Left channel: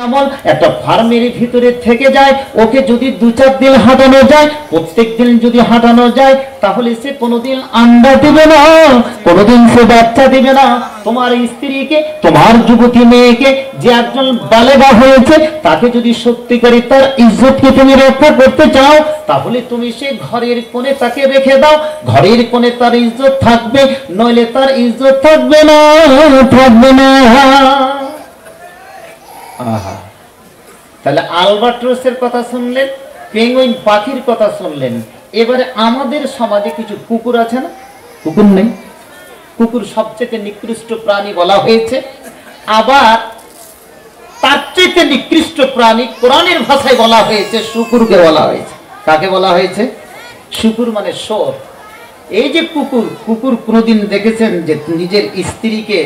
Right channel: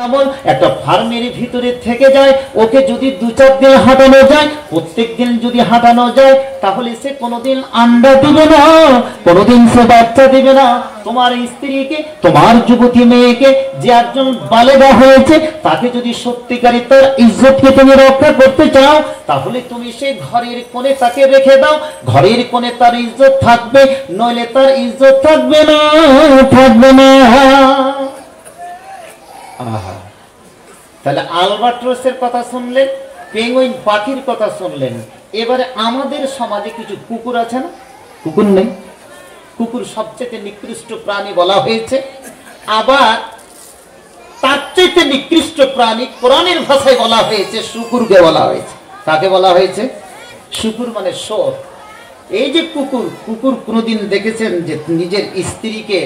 যেমন একটা ফার্মের ভিতরে থেকে যায়, ওকে যদি 2-4 দিন হাঁটানো যায়, প্রত্যেক দিন যদি হাঁটানো যায়, তাহলে সে কোনোদিন আন্ডা দিবে না, কোনোদিন সে বাচ্চা দিবে না। তোমার স্ত্রীকে, তোমার যুবতী মেয়েকে, যে একজন বালেগা হয়েছে, তাকে যদি সত্যিকারে তার ইজ্জতকে তুমি রক্ষা করতে চাও, তাহলে তুমি সেই ঘরের কোণে তাকে রেখে দাও। ঘরের কোণে তার ইজ্জত থাকবে, নইলে তার ইজ্জত থাকবে না, থাকবে না। তাহলে আলবাট্রসের কথা শুনলেন, পেঙ্গুইন পাখির কথা শুনলেন। এবারে আমাদের সমাজে কিছু কুকুর আছে না? কুকুর নেই? কুকুর সবচেয়ে নিকৃষ্ট প্রাণী বলা হয়েছে। আবার তার চেয়ে নিকৃষ্ট প্রাণী কোরআনের ভাষায় বলা হয়েছে, শুকুরকে বলা হয়েছে। কাকে বলা হয়েছে? শুকুর মানে শোর। এই যে কুকুর, কুকুর কোনোদিন দেখেছেন যে নিজের স্ত্রীকে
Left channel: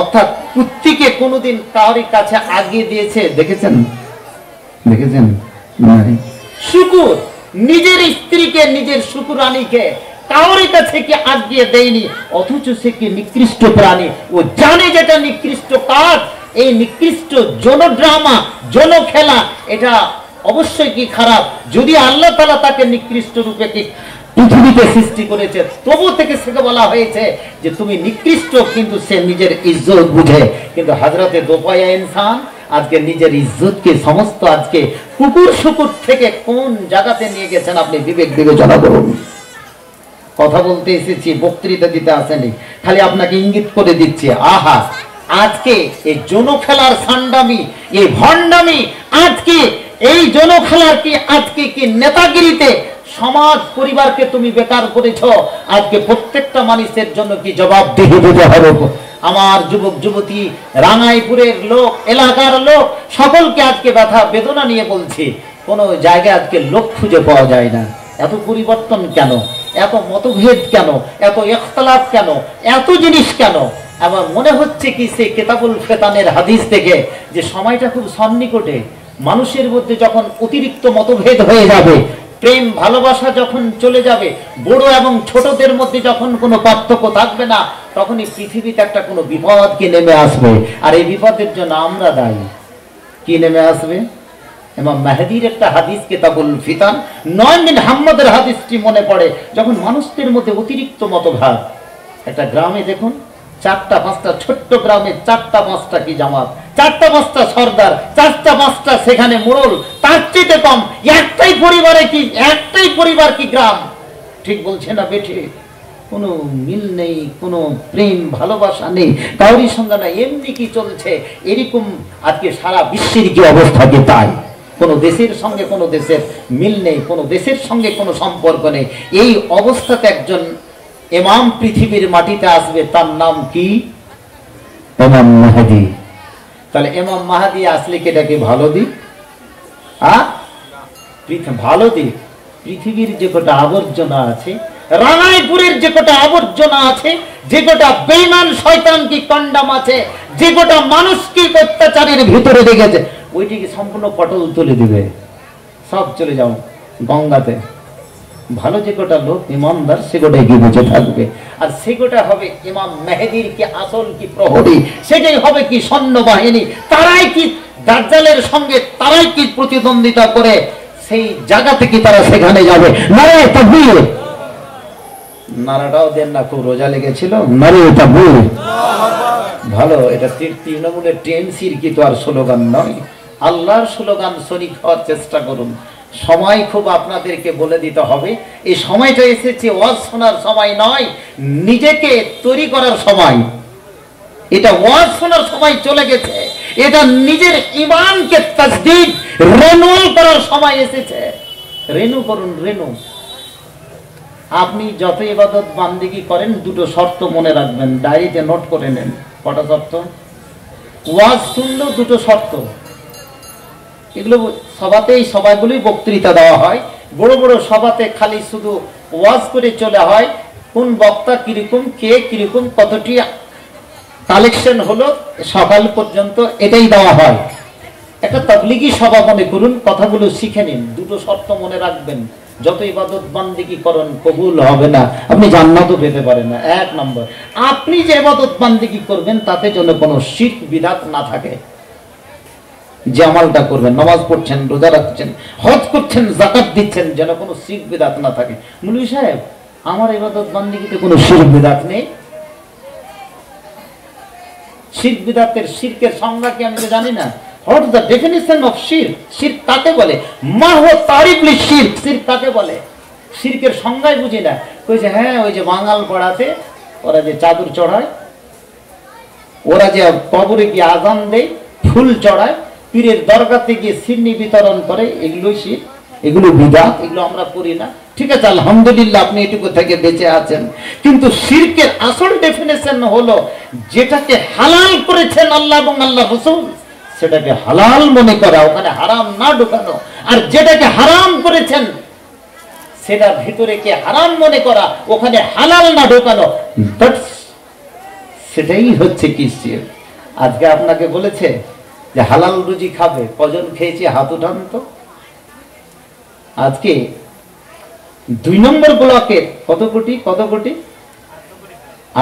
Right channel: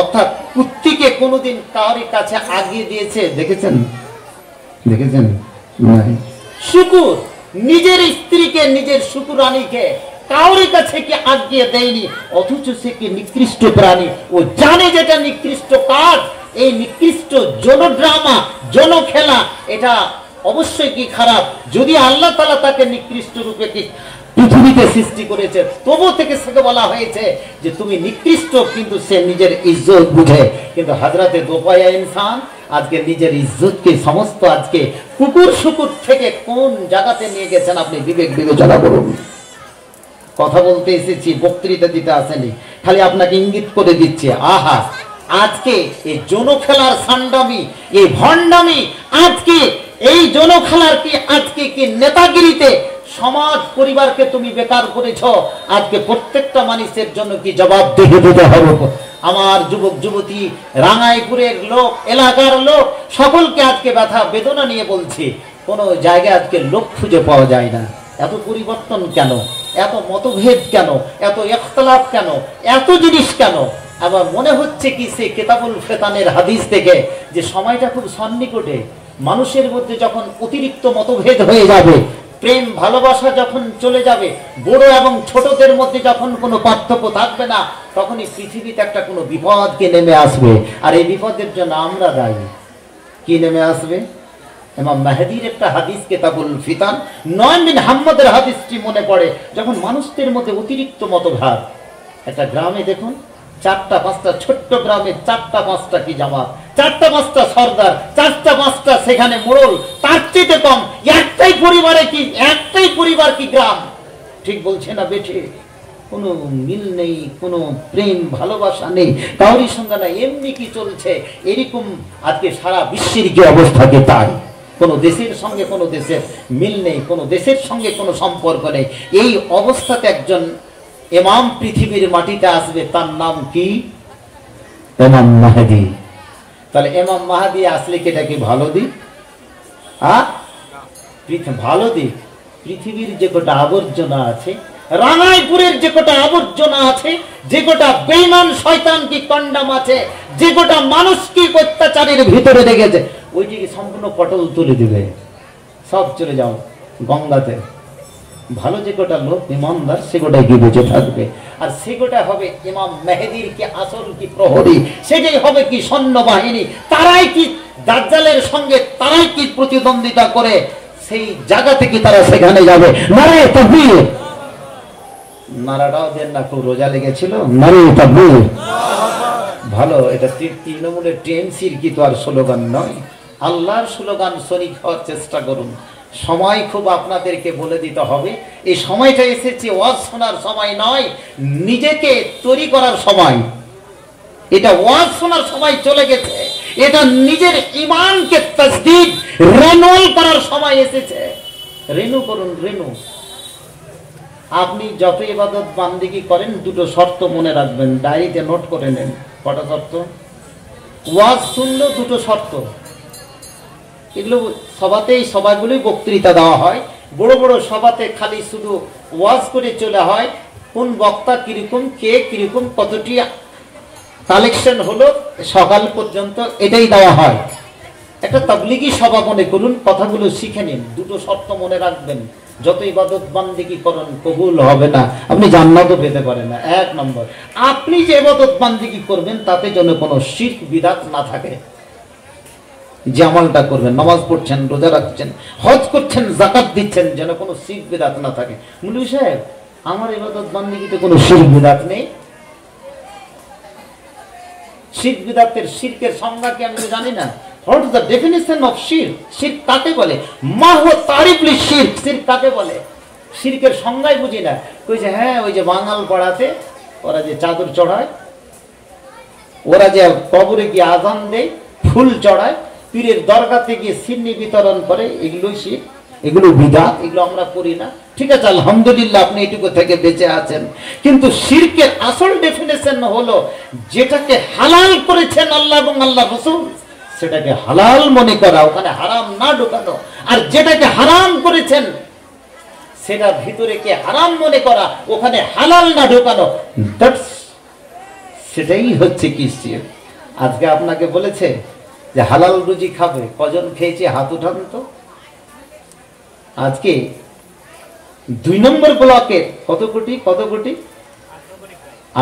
অর্থাৎ কুত্তিকে কোনোদিন কারোর কাছে আগিয়ে দিয়েছে? দেখেছেন? দেখেছেন? শুকুর নিজের স্ত্রীকে, নিজের শুকুরানীকে কারোর কাছে কি আগিয়ে দেয়নি, অথচ সে কি নিকৃষ্ট প্রাণী। ও জানে যেটা নিকৃষ্ট কাজ। এই নিকৃষ্ট জনড্রামা, জনখেলা, এটা অবশ্যই কি খারাপ। যদি আল্লাহ তাআলা তাকে নিকৃষ্ট রূপে কি পৃথিবীতে সৃষ্টি করেছে, তবু থেকে সেকে বলা হয়েছে যে তুমি নিকৃষ্ট, কিন্তু সে নিজের ইজ্জত বুঝে। কিন্তু হযরতে দোপায়া ইনসান আজকে নিজের ইজ্জতকে সমস্ত আজকে কুকুর শুকুর থেকে কোন জায়গাতে নিয়ে গেছেন, আপনি বিবেক বিবেচনা করুন। কথা বলতে এসেছি, বক্তৃতা দিতে আসেনি, খালি আপনাকে ইঙ্গিত করে দিচ্ছি। আহা, আজকে এই জনখেলার সান্ডামি, এই ভণ্ডামি, আজকে এই জনখেলার কি আজকে কি নেতাগিরিতে সমাজ পরিবারকে তুমি বেকার করেছ। আজকে প্রত্যেকটা মানুষের জন্য কি জবাবদিহি দিতে হবে। আমার যুবক যুবতী, রাঙ্গাইপুরের লোক, এলাকার লোক, সকলকে আজকে ব্যথা বেদনা নিয়ে বলছি, কোন জায়গায় আজকে লোক খুঁজে পাওয়া যায় না। এত পরিবর্তন কেন? এত মতভেদ কেন? এত ইখতিলাফ কেন? এত জিনিস কেন? আবার মনে হচ্ছে কি সে কিতাবুল ফিতানের হাদিস থেকে যে সময়টা খুব সন্নিকটে। মানুষের মধ্যে যখন অতিরিক্ত মতভেদ হয়ে যাবে, প্রেম ভালোবাসা যখন চলে যাবে, বড় এবং ছোটদের মধ্যে যখন কোনো পার্থক্য থাকবে না, তখনই পৃথিবীতে একটা কোনো বিপদ কি নেমে আসবে। আর এই বিপদের জন্য আমরা দায়ী। কি নেমে আসবে? ইমাম মেহেদীর একটা হাদিস, কিতাবুল ফিতান, 9 বিন হাম্মাদের হাদিসটি মনে পড়ে। যখন মানুষদের মধ্যে অতিরিক্ত মতভেদ, একটা গ্রামে দেখুন 4টা-5টা ছোট্ট গ্রামে 4টা-5টা কি জামাত, 4টা-5টা সর্দার, 4টা-5টা সেখানে মোড়ল, তার চেয়ে কম একটাই পরিবারে কি, একটাই পরিবার কি গ্রাম। ঠিক বলছে না বেঠে? কোনো মিল নেই, কোনো প্রেম ভালোবাসা নেই, কারোর সঙ্গে না। এমনি কি চলছে এরকম আজকে সারা বিশ্বের কি অবস্থা কি তাই। কোনো দেশের সঙ্গে কোনো দেশের মিল নেই, কোনো দেশের সঙ্গে কোনো সম্পর্ক নেই। এই অবস্থাতে একজন ইমাম পৃথিবীর মাটিতে আসবে, তার নাম কি? ইমাম মাহদী। তাহলে ইমাম মাহদী আসলে কি এটা কি ভালো দিক? ভালো দিক। পৃথিবীর যে কটা আবর্জনা আছে, রাঙ্গাইপুরের যে কটা আবর্জনা আছে, যে কটা বেঈমান শয়তান কি কন্ডাম আছে, যে কটা মানুষ কি অত্যাচারের ভিতরে দেখেছে, ওইটিকে সম্পূর্ণ পটল তুলে দিবে। সব চলে যাও গঙ্গাতে। ভালো যে কটা লোক ইমানদার, সে কটাই কি বেঁচে থাকবে। আর সে কটা হবে ইমাম মেহেদীর কি আসল কি প্রহরী, সেটাই হবে কি সৈন্যবাহিনী। তারাই কি দাজ্জালের সঙ্গে, তারাই কি প্রতিদ্বন্দ্বিতা করে সেই জায়গা থেকে তারা সেখানে যাবে। নারায়ে তাকবীর। নারাটাও দেন না, খুব রোজা লেগেছিল। নারায়ে তাকবীর। ভালো, এটা তৃণমূলের টিএমসির কি তো আর স্লোগান নয়, আল্লাহর স্লোগান। শরীক হওয়ার চেষ্টা করুন। সময় খুব আপনাদেরকে বলে দিতে হবে, এই সময়টা এসেছে ওয়াজ শোনার সময় নয়, নিজেকে তৈরি করার সময়। এটা ওয়াজ শোনার সময় চলে গেছে, এটা নিজের ঈমানকে তাসদীক রিনিউয়াল করার সময় এসেছে। রিনিউ করুন, রিনিউ। আপনি যত ইবাদত বান্দেগি করেন, দুটো শর্ত মনে রাখবেন, ডায়েরিতে নোট করে নেন। কটা শর্ত? ওয়াজ শুনলেও দুটো শর্ত। এগুলো সভাতেই, সভাগুলোই বক্তৃতা দেওয়া হয়। বড় বড় সভাতে খালি শুধু ওয়াজ করে চলে হয়, কোন বক্তা কিরকম, কে কিরকম, কতটি কালেকশন হলো সকাল পর্যন্ত, এটাই দেওয়া হয়। একটা তাবলীগী সভা মনে করুন, কথাগুলো শিখে নিন। দুটো শর্ত মনে রাখবেন, যত ইবাদত বান্দেগি করেন কবুল হবে না, আপনি জান্নাতও পেতে পারেন না। 1 নম্বর, আপনি যে ইবাদত বান্দেগি করবেন তাতে যেন কোনো শিরক বিদআত না থাকে। যে আমলটা করবেন, নামাজ পড়ছেন, রোজা রাখছেন, হজ করছেন, যাকাত দিচ্ছেন, যেন কোনো শিরক বিদআত না থাকে। মুফতি সাহেব, আমার ইবাদত বান্দিগিতে কোনো শিরক বিদআত নেই। শিরক বিদআতের শিরকের সংজ্ঞা কি আমি জানি না। What is the definition of শিরক? শিরক কাকে বলে? মা হুয়া তারিফ লিশিরক। শিরক কাকে বলে? শিরকের সংজ্ঞাই বুঝি না। কইছে হ্যাঁ, ওই যে বাঙাল পাড়াতে ওরা যে চাদর চড়ায়, ওরা যে কবরে গিয়ে আজান দেয়, ফুল চড়ায়, পীরের দরগাতে গিয়ে সিন্নি বিতরণ করে, এগুলোই শিরক, এগুলো বিদআত, এগুলো আমরা করি না। ঠিক আছে, আলহামদুলিল্লাহ আপনি এটুকু থেকে বেঁচে আছেন। কিন্তু শিরকের আসল ডেফিনেশন হলো যেটাকে হালাল করেছেন আল্লাহ এবং আল্লাহ রাসূল, সেটাকে হালাল মনে করা, ওখানে হারাম না ঢোকানো। আর যেটাকে হারাম করেছেন সেটা ভিতরে কে হারাম মনে করা, ওখানে হালাল না ঢোকানো, সেটাই হচ্ছে কি শিরক। আজকে আপনাকে বলেছে যে হালাল রুজি খাবে, কজন খেয়েছে হাত উঠান তো। আজকে 2 নম্বর ব্লকের কত কোটি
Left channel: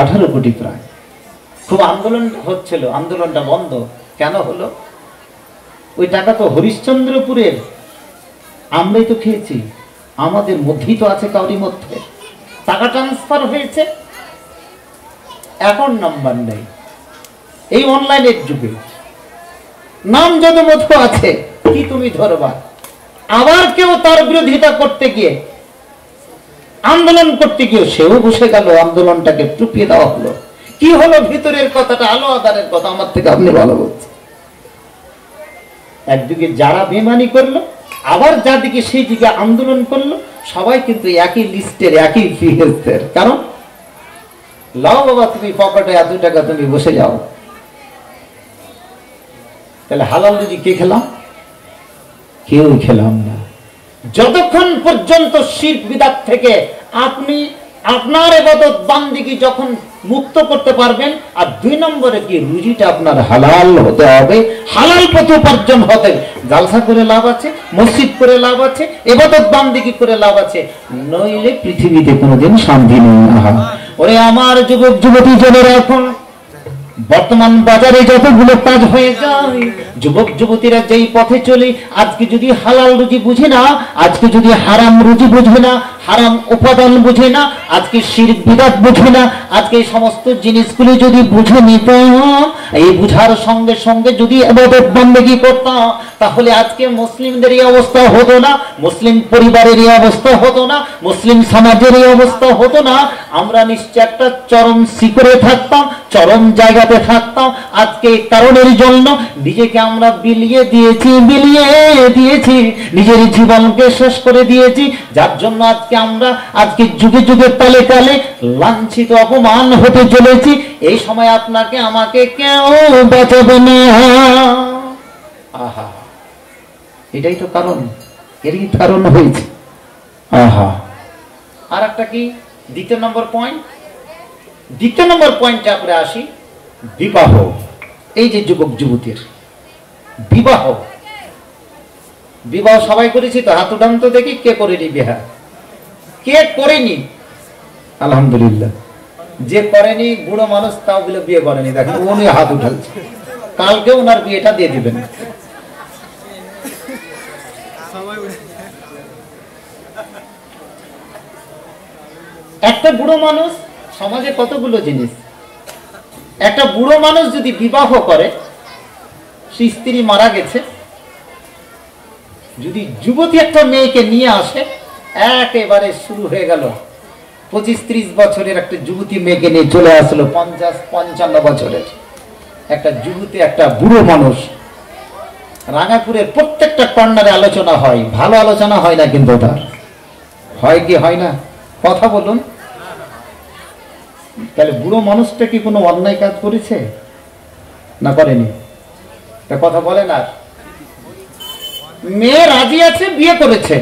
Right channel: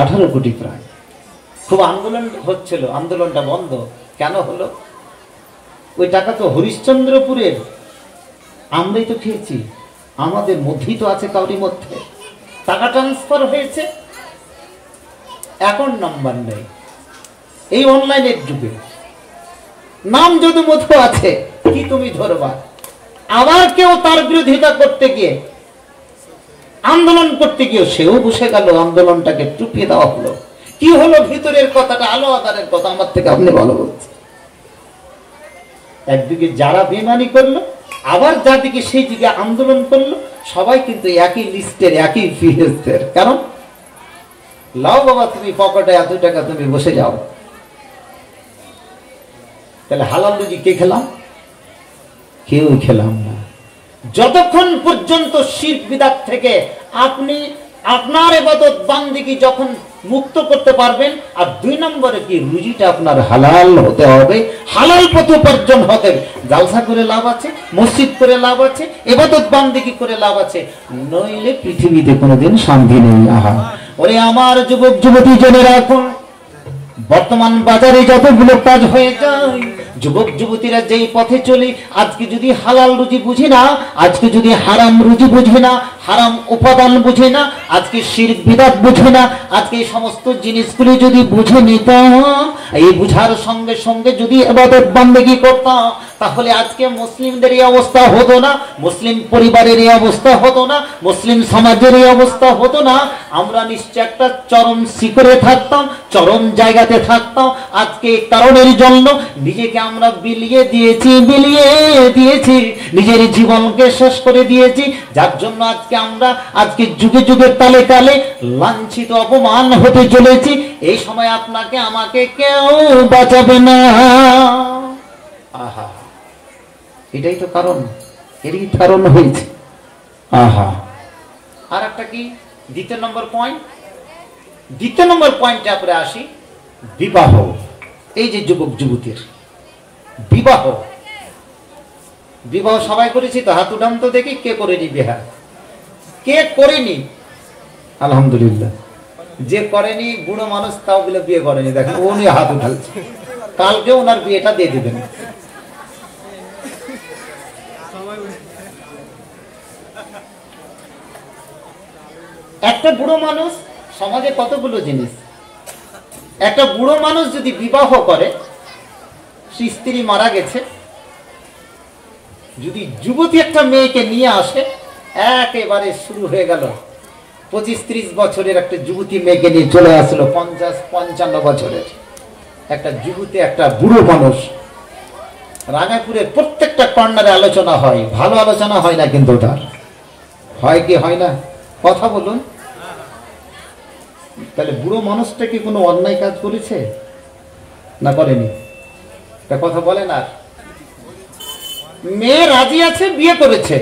18 কোটি প্রায়। খুব আন্দোলন হচ্ছিল, আন্দোলনটা বন্ধ কেন হলো? ওই টাকা তো হরিশ্চন্দ্রপুরের আমরাই তো খেয়েছি, আমাদের মধ্যেই তো আছে, কাউরি মধ্যে টাকা ট্রান্সফার হয়েছে, অ্যাকাউন্ট নাম্বার নেই। এই অনলাইনের যুগে নাম যদি মধ্যে আছে, কি তুমি ধরবা? আবার কেউ তার বিরোধিতা করতে গিয়ে, আন্দোলন করতে গিয়ে সেও বসে গেল, আন্দোলনটাকে টুপিয়ে দেওয়া হলো। কি হলো? ভিতরের কথাটা আলো আদানের কথা আমার থেকে আপনি ভালো বলছেন। একদিকে যারা বেমানি করলো, আবার যাদিকে সেই দিকে আন্দোলন করলো, সবাই কিন্তু একই লিস্টের, একই ফিহের। কারণ লাও বাবা, তুমি পকেটে এত টাকা, তুমি বসে যাও। তাহলে হালাল রুজি কে খেলাম? কেউ খেলাম না। যতক্ষণ পর্যন্ত শিরক বিদআত থেকে আপনি আপনার ইবাদত বান্দিগি যখন মুক্ত করতে পারবেন, আর 2 নম্বরে কি রুজিটা আপনার হালাল হতে হবে, হালাল পথে উপার্জন হতে। জালসা করে লাভ আছে, মসজিদ করে লাভ আছে, ইবাদত বান্দিগি করে লাভ আছে, নইলে পৃথিবীতে কোনোদিন শান্তি নেই। ওরে আমার যুবক যুবতী জনেরা, এখন বর্তমান বাজারে যতগুলো কাজ হয়ে যায়, যুবক যুবতীরা যেই পথে চলে, আজকে যদি হালাল রুজি বুঝি না, আজকে যদি হারাম রুজি বুঝি না, হারাম উপাদান বুঝে না, আজকে শিরক বিদআত বুঝে না, আজকে এই সমস্ত জিনিসগুলি যদি বুঝে নিতাম, এই বুঝার সঙ্গে সঙ্গে যদি ইবাদত বন্দেগী করতাম, তাহলে আজকে মুসলিমদের এই অবস্থা হতো না, মুসলিম পরিবারের এই অবস্থা হতো না, মুসলিম সমাজের এই অবস্থা হতো না। আমরা নিশ্চয় একটা চরম শিখরে থাকতাম, চরম জায়গাতে থাকতাম। আজকে এই কারণের জন্য নিজেকে আমরা বিলিয়ে দিয়েছি, নিজের জীবনকে শেষ করে দিয়েছি, যার জন্য আজকে যুগে যুগে তালে তালে লাঞ্ছিত, অপমান হতে চলেছি। এই সময় আপনাকে আমাকে কেউ বাঁচাবে না। আহা, এটাই তো কারণ, এরই কারণ হয়েছে। আহা, আর একটা কি? দ্বিতীয় নম্বর পয়েন্টে আমরা আসি, বিবাহ। এই যে যুবক যুবতীর বিবাহ সবাই করেছি তো, হাত উঠান তো দেখি কে করেনি বিবাহ, কে করেনি? আলহামদুলিল্লাহ। যে করেনি বুড়ো মানুষ, তাও বলে বিয়ে করেনি, দেখেন উনি হাত উঠাচ্ছে, কালকে ওনার বিয়েটা দিয়ে দিবেন। একটা বুড়ো মানুষ, সমাজে কতগুলো জিনিস। একটা বুড়ো মানুষ যদি বিবাহ করে, স্ত্রী মারা গেছে, যদি যুবতী একটা মেয়েকে নিয়ে আসে, একেবারে শুরু হয়ে গেল। 25-30 বছরের একটা যুবতী মেয়েকে নিয়ে চলে আসলো, 50-55 বছরের একটা যুবতী, একটা বুড়ো মানুষ। রাঙাপুরের প্রত্যেকটা কর্নারে আলোচনা হয়, ভালো আলোচনা হয় না, কিন্তু তার হয় কি হয় না? কথা বলুন। তাহলে বুড়ো মানুষটা কি কোনো অন্যায় কাজ করেছে না করেনি? কথা বলেন। আর মেয়ে রাজি আছে, বিয়ে করেছে,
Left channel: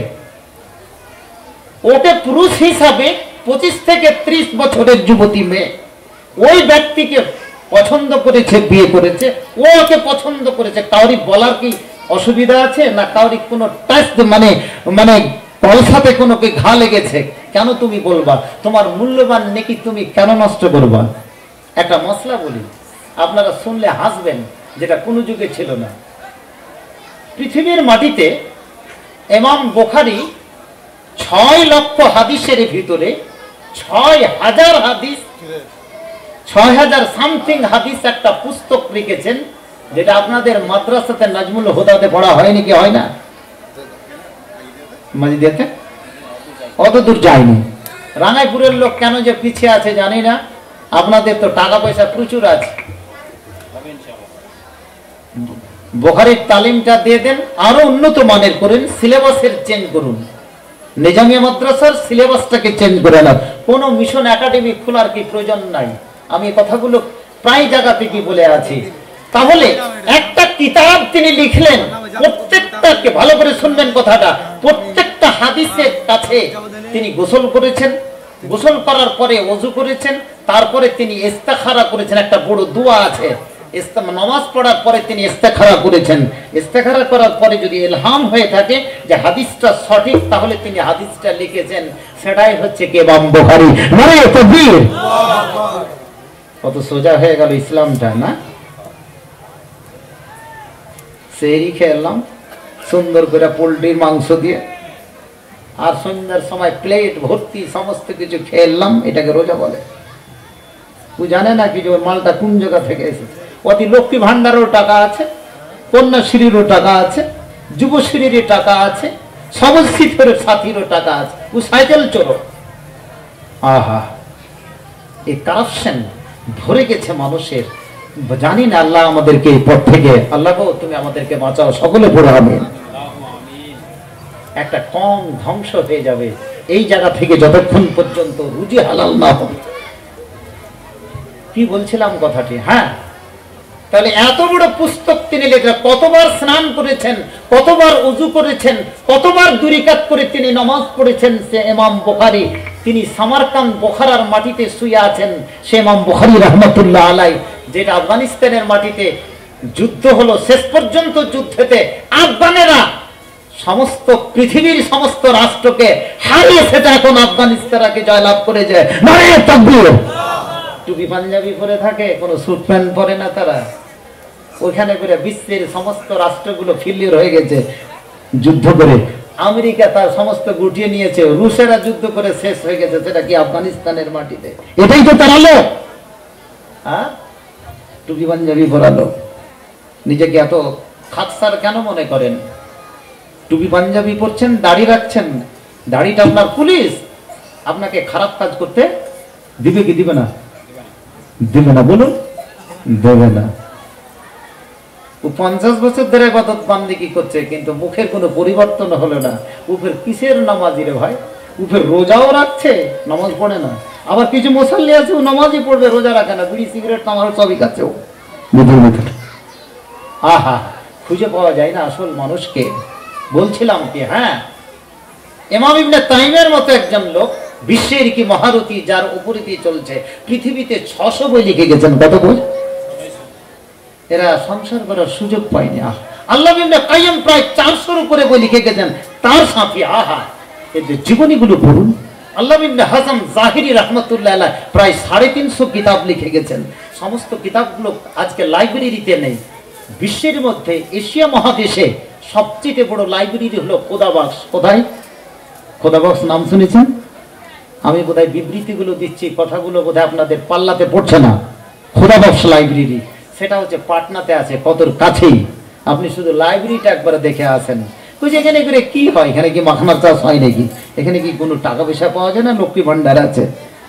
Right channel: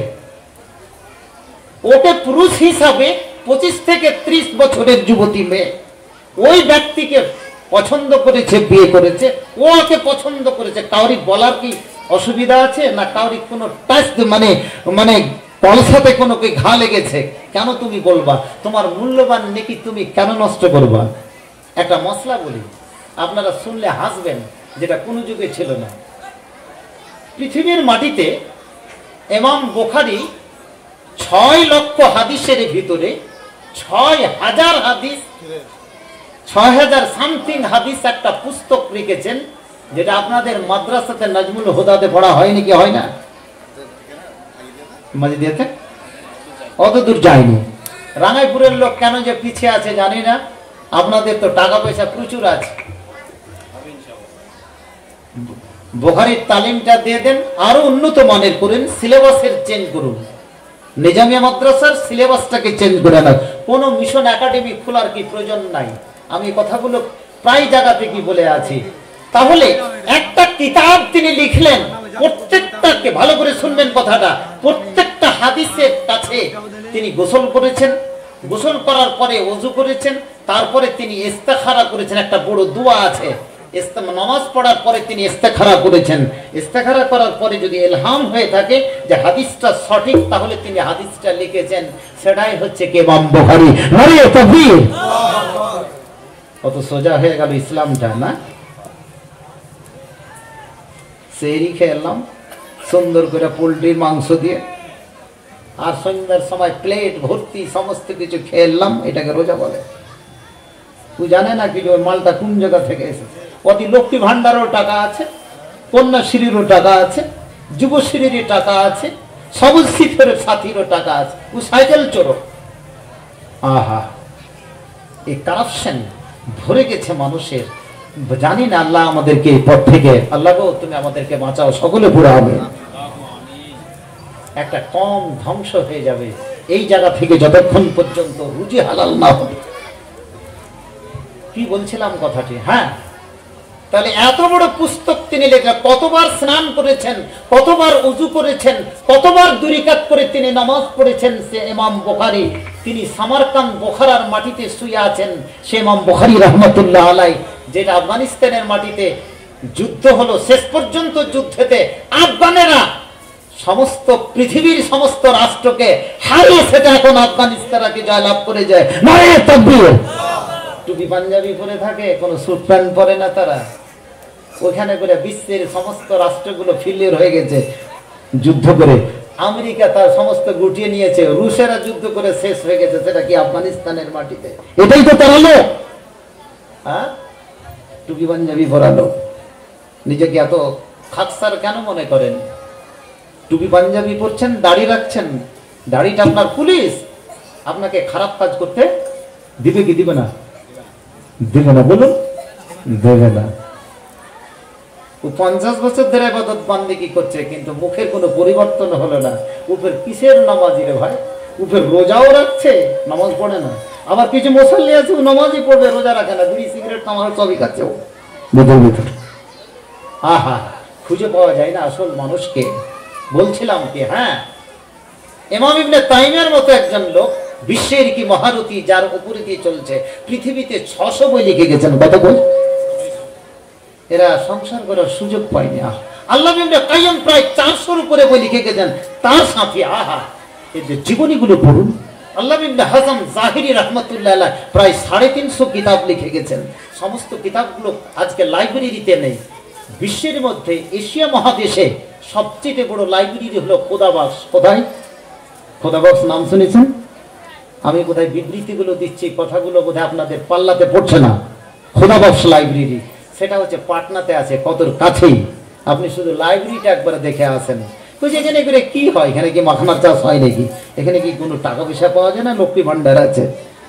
ওকে পুরুষ হিসাবে 25 থেকে 30 বছরের যুবতী মেয়ে ওই ব্যক্তিকে পছন্দ করেছে, বিয়ে করেছে, ও ওকে পছন্দ করেছে। কাউরি বলার কি অসুবিধা আছে? না কাউরি কোনো টাচ, মানে পয়সাতে কোনো কি ঘা লেগেছে? কেন তুমি বলবা? তোমার মূল্যবান নেকি তুমি কেন নষ্ট করবা? একটা মশলা বলি, আপনারা শুনলে হাসবেন, যেটা কোনো যুগে ছিল না। পৃথিবীর মাটিতে ইমাম বুখারী 6 লক্ষ হাদিসের ভিতরে 6000 হাদিস, 6000 সামথিং হাদিস একটা পুস্তক লিখেছেন, যেটা আপনাদের মাদ্রাসাতে নাজমুল হুদাতে পড়া হয়নি কি হয় না? মাজিদিয়াতে অত দূর যায়নি। রাঙাইপুরের লোক কেন যে পিছিয়ে আছে জানি না, আপনাদের তো টাকা পয়সা প্রচুর আছে। বুখারীর তালিমটা দিয়ে দেন, আরো উন্নত মানের করেন, সিলেবাসের চেঞ্জ করুন, নিজামিয়া মাদ্রাসার সিলেবাসটাকে চেঞ্জ করে না। কোন মিশন একাডেমি খোলার কি প্রয়োজন নাই। আমি কথাগুলো প্রায় জায়গা থেকে বলে আছি। তাহলে একটা কিতাব তিনি লিখলেন, প্রত্যেকটাকে ভালো করে শুনবেন কথাটা, প্রত্যেকটা হাদিসের কাছে তিনি গোসল করেছেন, গোসল করার পরে ওযু করেছেন, তারপরে তিনি ইস্তেখারা করেছেন। একটা বড় দোয়া আছে, নামাজ পড়ার পরে তিনি ইস্তেখারা করেছেন। ইস্তেখারা করার পরে যদি ইলহাম হয়ে থাকে যে হাদিসটা সঠিক, তাহলে তিনি হাদিসটা লিখেছেন। সেটাই হচ্ছে কি ইমাম বুখারী। নারে তাকবীর! কত সোজা হয়ে গেল ইসলামটা না? সেহরি খেলাম সুন্দর করে পোল্ট্রির মাংস দিয়ে, আর সন্ধ্যার সময় প্লেট ভর্তি সমস্ত কিছু খেলাম। এটাকে রোজা বলে? তুই জানে না কি যে ওই মালটা কোন জায়গা থেকে এসেছে? অতি লক্ষ্মী ভান্ডারও টাকা আছে, কন্যাশ্রীরও টাকা আছে, যুবশ্রীর টাকা আছে, সবুজ সাথীরও টাকা আছে। ও সাইকেল চোর। আহা, এই কারাপশন ভরে গেছে মানুষের। জানি না, আল্লাহ আমাদেরকে এই পথ থেকে, আল্লাহ গো তুমি আমাদেরকে বাঁচাও, সকলে পড়ে আমিন। একটা কম ধ্বংস হয়ে যাবে এই জায়গা থেকে যতক্ষণ পর্যন্ত রুজি হালাল না হবে। কি বলছিলাম কথাটি? হ্যাঁ, তাহলে এত বড় পুস্তক তিনি লেখা, কতবার স্নান করেছেন, কতবার ওযু করেছেন, কতবার দুই রাকাত করে তিনি নামাজ পড়েছেন। সে ইমাম বুখারী, তিনি সামারকান্দ বুখারার মাটিতে শুয়ে আছেন। সে ইমাম বুখারী রাহমাতুল্লাহ আলাইহি, যেটা আফগানিস্তানের মাটিতে যুদ্ধ হলো, শেষ পর্যন্ত যুদ্ধেতে আফগানেরা সমস্ত পৃথিবীর সমস্ত রাষ্ট্রকে হারিয়ে সেটা এখন আফগানিস্তানকে জয়লাভ করে যায়। নারে তাকবীর! টুপি পাঞ্জাবি পরে থাকে, কোনো স্যুট প্যান্ট পরে না তারা। ওখানে করে বিশ্বের সমস্ত রাষ্ট্রগুলো ফেলিওর হয়ে গেছে যুদ্ধ করে। আমেরিকা তার সমস্ত গুটিয়ে নিয়েছে, রুশেরা যুদ্ধ করে শেষ হয়ে গেছে, সেটা কি আফগানিস্তানের মাটিতে। এটাই তো তারা লোক, হ্যাঁ, টুপি পাঞ্জাবি পরালো। নিজেকে এত খাকসার কেন মনে করেন? টুপি পাঞ্জাবি পরছেন, দাড়ি রাখছেন, দাড়িটা আপনার পুলিশ, আপনাকে খারাপ কাজ করতে দিবে কি দিবে না? দিবে না, বলুন, দেবে না। ও 50 বছর ধরে ইবাদত বান্দেগি করছে, কিন্তু মুখের কোনো পরিবর্তন হলো না। উফের কিসের নামাজি রে ভাই? উফের রোজাও রাখছে, নামাজ পড়ে না। আবার কিছু মুসল্লি আছে, ও নামাজই পড়বে, রোজা রাখে না, বিড়ি সিগারেট তামাক সবই খাচ্ছে ও। আহা, খুঁজে পাওয়া যায় না আসল মানুষকে। বলছিলাম কি, হ্যাঁ, ইমাম ইবনে তাইমের মতো একজন লোক, বিশ্বের কি মহারথী, যার উপরে দিয়ে চলছে, পৃথিবীতে 600 বই লিখে গেছেন। কত বই? এরা সংসার করার সুযোগ পায়নি। আল্লাহ ইবনে কাইয়্যিম প্রায় 400-এর উপরে বই লিখে গেছেন। তার সাথে আহা, এদের জীবনীগুলো পড়ুন। আল্লাহ ইবনে হাজম জাহিরি রাহমাতুল্লাহ আলাইহি প্রায় 350 কিতাব লিখে গেছেন। সমস্ত কিতাবগুলো আজকে লাইব্রেরিতে নেই। বিশ্বের মধ্যে এশিয়া মহাদেশে সবচেয়ে বড় লাইব্রেরি হলো খোদাবক্স। কোথায়? খোদাবক্স নাম শুনেছেন? আমি বোধহয় বিবৃতিগুলো দিচ্ছি, কথাগুলো বোধহয় আপনাদের পাল্লাতে পড়ছে না। খোদাবক্স লাইব্রেরি, সেটা হচ্ছে পাটনাতে আছে, কতর কাছেই। আপনি শুধু লাইব্রেরিটা একবার দেখে আসেন। বুঝি এখানে করে কি হয়? এখানে কি মাখনার চাষ হয় নাকি? এখানে কি কোনো টাকা পয়সা পাওয়া যায় না? লক্ষ্মী ভান্ডার আছে?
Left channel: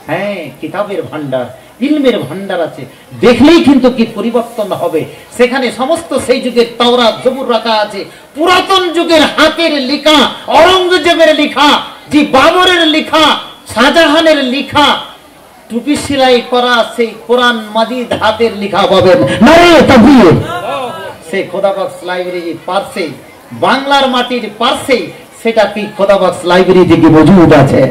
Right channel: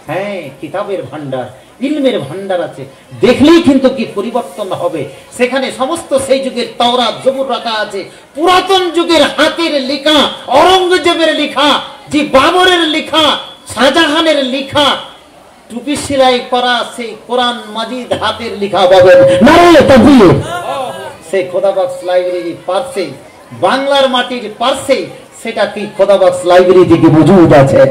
হ্যাঁ, কিতাবের ভান্ডার, ইলমের ভান্ডার আছে। দেখলেই কিন্তু কি পরিবর্তন হবে। সেখানে সমস্ত সেই যুগের তাওরাত জবুর রাখা আছে, পুরাতন যুগের হাতের লেখা, অরঙ্গজেবের লেখা, জি বাবরের লেখা, শাহজাহানের লেখা, টুপি সেলাই করা সেই কোরআন মাজিদ হাতের লেখা পাবেন। নারে তাকবীর! সেই খোদাবক্স লাইব্রেরি পার্সে, বাংলার মাটির পার্সে, সেটা কি খোদাবক্স লাইব্রেরিতে কি মজুদ আছে।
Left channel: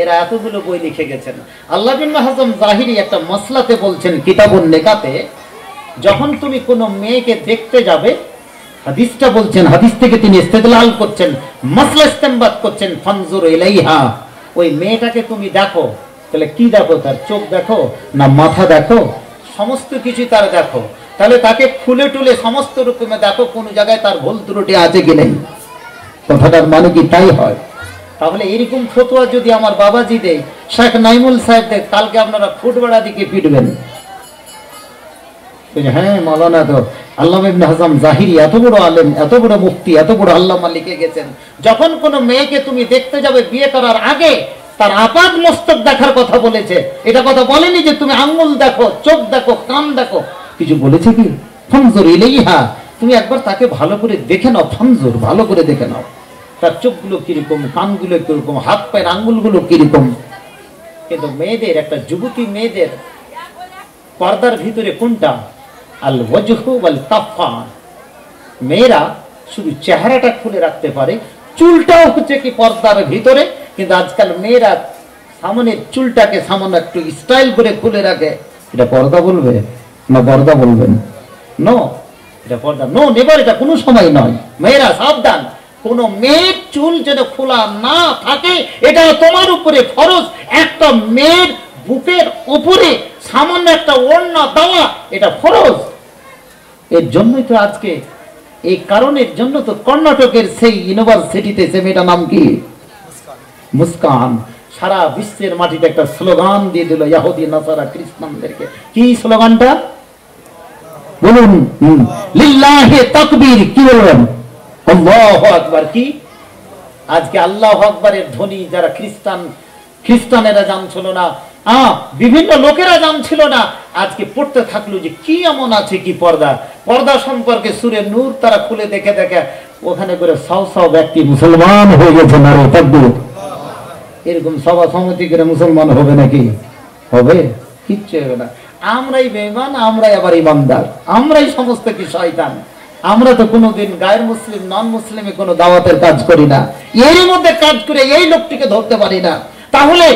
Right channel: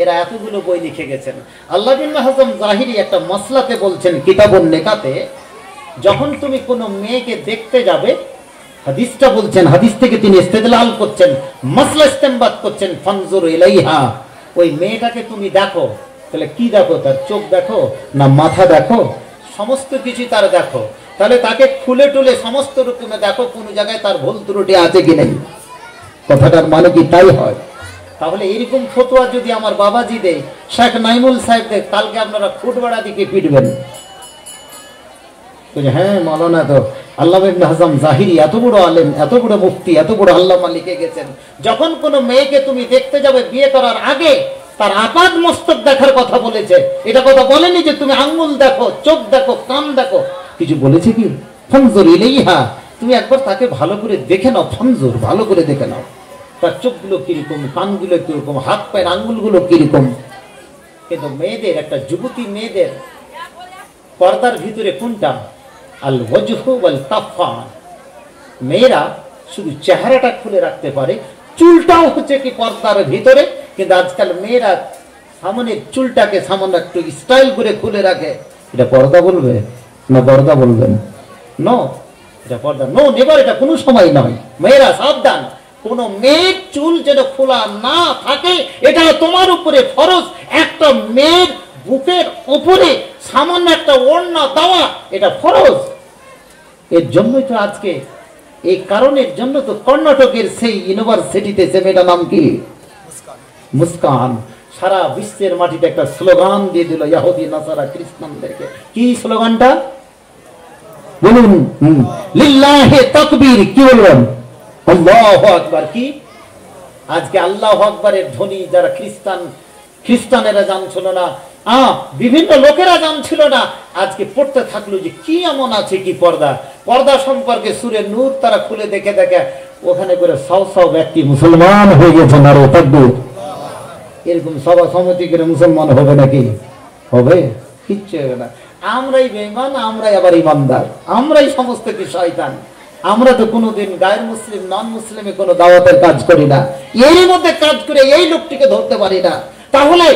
এরা এতগুলো বই লিখে গেছেন। আল্লাহ ইবনে হাজম জাহিরি একটা মাসলাতে বলছেন, কিতাবুন নিকাতে, যখন তুমি কোনো মেয়েকে দেখতে যাবে, হাদিসটা বলছেন, হাদিস থেকে তিনি ইস্তেদলাল করছেন, মাসলা ইস্তেমবাদ করছেন, ফানজুর ইলাইহা, ওই মেয়েটাকে তুমি দেখো। তাহলে কি দেখো? তার চোখ দেখো না মাথা দেখো? সমস্ত কিছু তার দেখো। তাহলে তাকে খুলে টুলে সমস্ত রকমে দেখো কোন জায়গায় তার ভুল ত্রুটি আছে কি নেই। কথাটার মানে কি তাই হয়? তাহলে এরকম ফতোয়া যদি আমার বাবাজি দেয়, শেখ নাইমুল সাহেব দেয়, কালকে আপনারা ফুটবাড়া দিকে পিটবেন। হ্যাঁ মাওলানা তো আল্লামা ইবনে হাজাম জাহিরি এত বড় আলেম, এত বড় মুফতি, এত বড় আল্লামা লিখে গেছেন, যখন কোন মেয়েকে তুমি দেখতে যাবে বিয়ে করার আগে তার আপাদ মস্তক দেখার কথা বলেছে। এটা কথা বলেনি যে তুমি আঙ্গুল দেখো, চোখ দেখো, কান দেখো, কিছু বলেছে কি? ফানজুর ইলাইহা, তুমি একবার তাকে ভালো করে দেখে নাও, ফানজুর ভালো করে দেখে নাও, তার চোখগুলো কিরকম, কানগুলো কিরকম, হাত পায়ের আঙ্গুলগুলো কিরকম। কিন্তু মেয়েদের, একটা যুবতী মেয়েদের পর্দার ভিতরে কোনটা? আল ওয়াজহু ওয়াল কাফা। মেয়েরা শুধু চেহারাটা খুলে রাখতে পারে, চুলটাও হচ্ছে কি পর্দার ভিতরে। কিন্তু আজকাল মেয়েরা সামনের চুলটাকে সামান্য একটু স্টাইল করে খুলে রাখে। এটা পর্দা বলবে না পর্দা বলবেন? নো, এটা পর্দা নো, নেবার, এটা কোনো সময় নয়। মেয়েরা সাবধান, কোন মেয়ের চুল যেন খোলা না থাকে, এটা তোমার উপরে ফরজ। একটা মেয়ের বুকের উপরে সামান্য একটা ওড়না দেওয়া, এটা ফরজ। এর জন্যই তো আজকে, এই কারণের জন্য তো কর্ণাটকের সেই ইউনিভার্সিটিতে, সে মেয়েটার নাম কি, মুস্কান, সারা বিশ্বের মাটিতে একটা স্লোগান দিয়ে দিল ইহুদি নাসারা খ্রিস্টানদেরকে। কি স্লোগানটা বলুন? লিল্লাহি তাকবীর। কি বলবেন? আল্লাহু আকবার। কি আজকে আল্লাহু আকবারের ধ্বনি যারা খ্রিস্টানেরা জানছিল না, বিভিন্ন লোকেরা জানছিল না, আজকে পড়তে থাকলো যে কি এমন আছে কি পর্দা। পর্দা সম্পর্কে সূরা নূর তারা খুলে দেখে দেখে ওখানে করে সব ব্যক্তি মুসলমান হয়ে গেছে। নারে তাকবীর। এরকম সভা সমিতি করে মুসলমান হবে নাকি? হবে? কিচ্ছু হবে না। আমরাই বেঈমান, আমরাই আবার ইমানদার, আমরাই সমস্ত কি শয়তান। আমরা তো কোনোদিন গায়ের মুসলিম নন মুসলিমে কোনো দাওয়াতের কাজ করি না, এরই মধ্যে কাজ করে এই লোকটিকে ধরতে পারি না। তাহলে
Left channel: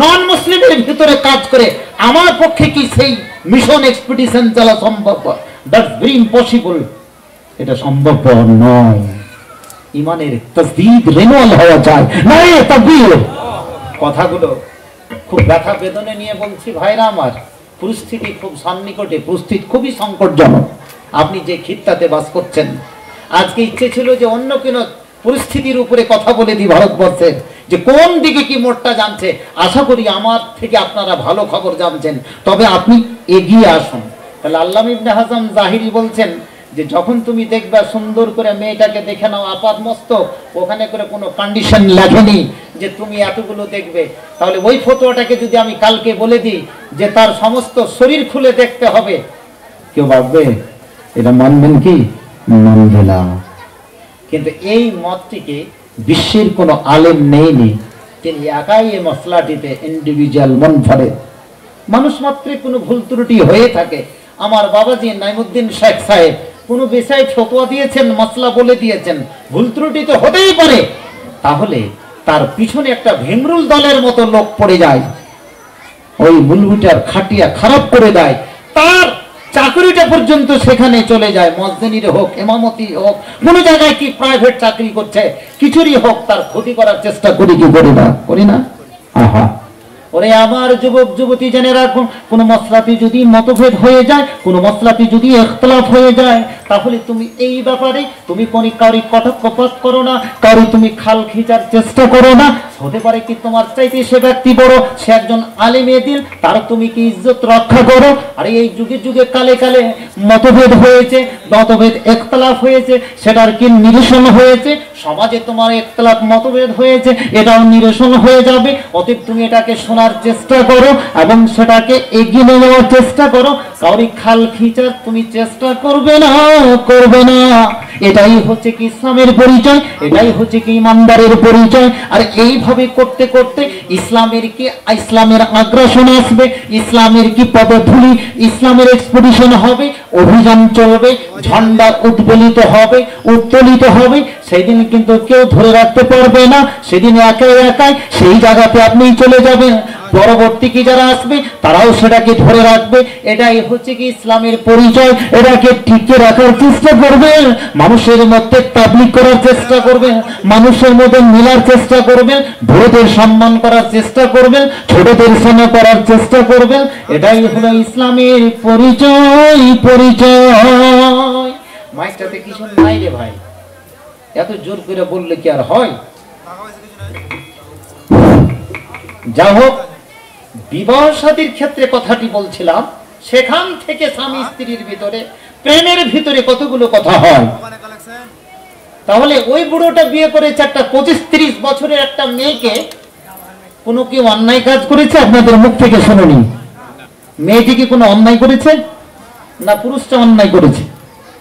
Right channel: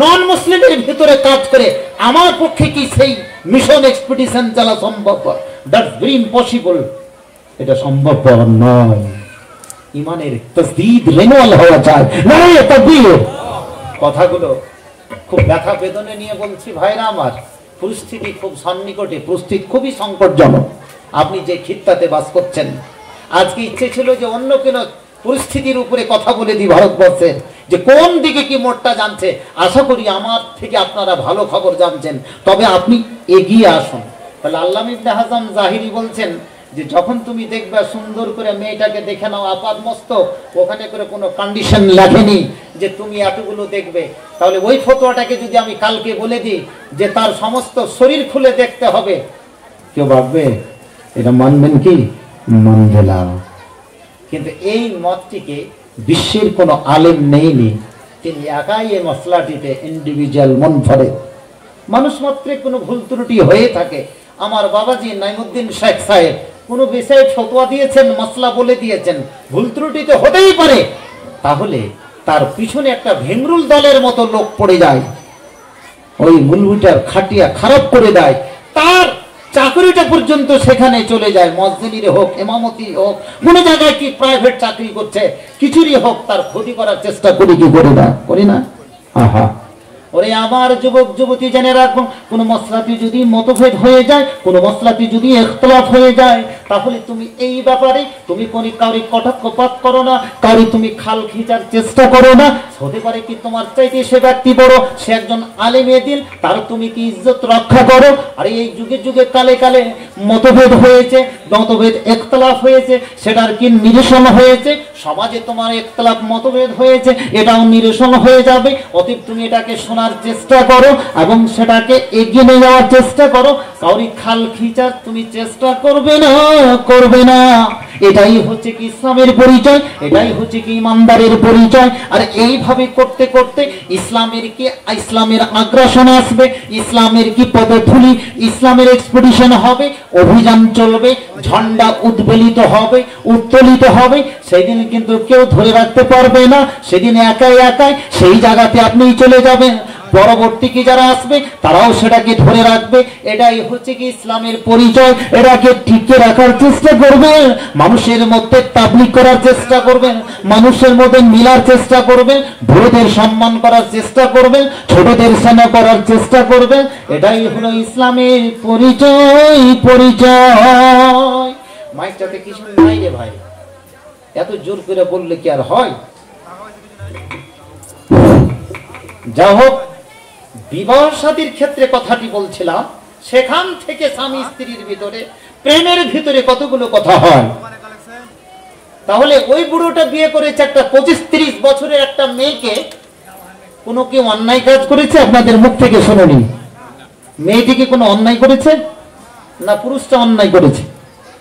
নন মুসলিমের ভিতরে কাজ করে আমার পক্ষে কি সেই মিশন এক্সপিডিশন চালা সম্ভব? That's very impossible. এটা সম্ভব নয়। ইমানের তাসদীদ রিনুয়াল হওয়া চাই। নাই তাকবীর। কথাগুলো খুব ব্যথা বেদনা নিয়ে বলছি ভাইরা আমার। পরিস্থিতি খুব সন্নিকটে, পরিস্থিতি খুবই সংকটজনক। আপনি যে খিত্তাতে বাস করছেন, আজকে ইচ্ছে ছিল যে অন্য কোনো পরিস্থিতির উপরে কথা বলে দিই ভারতবর্ষের, যে কোন দিকে কি মোড়টা জানছে। আশা করি আমার থেকে আপনারা ভালো খবর জানছেন, তবে আপনি এগিয়ে আসুন। তাহলে আল্লামা ইবনে হাজাম জাহিরি বলছেন যে যখন তুমি দেখবা সুন্দর করে মেয়েটাকে দেখে নাও আপাদ মস্তক, ওখানে করে কোনো কন্ডিশন লেখেনি যে তুমি এতগুলো দেখবে। তাহলে ওই ফতোয়াটাকে যদি আমি কালকে বলে দিই যে তার সমস্ত শরীর খুলে দেখতে হবে, কেউ ভাববে এটা মানবেন কি? মানবে না। কিন্তু এই মতটিকে বিশ্বের কোন আলেম নেইনি, তিনি একাই এই মশলাটিতে ইন্ডিভিজুয়াল মনফারে। মানুষ মাত্রে কোনো ভুল ত্রুটি হয়ে থাকে। আমার বাবাজি নাইমুদ্দিন শেখ সাহেব কোন বিষয়ে ফতোয়া দিয়েছেন, মশলা বলে দিয়েছেন, ভুল ত্রুটি তো হতেই পারে। তাহলে তার পিছনে একটা ভেমরুল দলের মতো লোক পড়ে যায়, ওই মুলবিটার খাটিয়া খারাপ করে দেয়, তার চাকরিটা পর্যন্ত সেখানে চলে যায়। মসজিদের হোক, ইমামতি হোক, কোন জায়গায় কি প্রাইভেট চাকরি করছে, কিছুরই হোক, তার ক্ষতি করার চেষ্টা করি কি করি না? করি না? আহা, ওরে আমার যুবক যুবতী জেনে রাখুন, কোন মসলাতে যদি মতভেদ হয়ে যায়, কোন মসলাতে যদি ইখতিলাফ হয়ে যায়, তাহলে তুমি এই ব্যাপারে তুমি কোন কারি কটাক্ষপাত করো না, কারি তুমি খাল খিচার চেষ্টা করো না। হতে পারে কি তোমার চাইতে সে ব্যক্তি বড়, সে একজন আলেমে দিন, তার তুমি কি ইজ্জত রক্ষা করো। আর এই যুগে যুগে কালে কালে মতভেদ হয়েছে, মতভেদ ইখতিলাফ হয়েছে, সেটার কি নিরসন হয়েছে। সমাজে তোমার ইখতিলাফ মতভেদ হয়েছে, এটাও নিরসন হয়ে যাবে। অতএব তুমি এটাকে শোনার চেষ্টা করো এবং সেটাকে এগিয়ে নিয়ে যাওয়ার চেষ্টা করো। কাউরি খাল খিচার তুমি চেষ্টা করবে না, করবে না। এটাই হচ্ছে কি ইসলামের পরিচয়, এটাই হচ্ছে কি ইমানদারের পরিচয়। আর এইভাবে করতে করতে ইসলামের আগ্রাসন আসবে, ইসলামের কি পদধূলি, ইসলামের এক্সপেডিশন হবে, অভিযান চলবে, ঝান্ডা উদ্বেলিত হবে, উত্তোলিত হবে। সেদিন কিন্তু কেউ ধরে রাখতে পারবে না, সেদিন একাই একাই সেই জায়গাতে আপনি চলে যাবেন। পরবর্তী কি যারা আসবে তারাও সেটাকে ধরে রাখবে। এটাই হচ্ছে কি ইসলামের পরিচয়। এটাকে টিকে রাখার চেষ্টা করবে, মানুষের মধ্যে তাবলীগ করার চেষ্টা করবে, মানুষের মধ্যে মিলার চেষ্টা করবে, বড়দের সম্মান করার চেষ্টা করবেন, ছোটদের সেবা করার চেষ্টা করবেন। এটাই হলো ইসলামের পরিচয়। পরিচয় মাইকটাতে কিছু নাই রে ভাই, এত জোর করে বললে কি আর হয়? যা হোক, বিবাহ শাদীর ক্ষেত্রে কথাটি বলছিলাম, সেখান থেকে স্বামী স্ত্রীর ভিতরে প্রেমের ভিতরে কতগুলো কথা হয়। তাহলে ওই বুড়োটা বিয়ে করেছে একটা 25-30 বছরের একটা মেয়েকে, কোনো কেউ অন্যায় কাজ করেছে? আপনাদের মুখ থেকে শুনুনি। মেয়েটি কি কোনো অন্যায় করেছে? না পুরুষটা অন্যায় করেছে?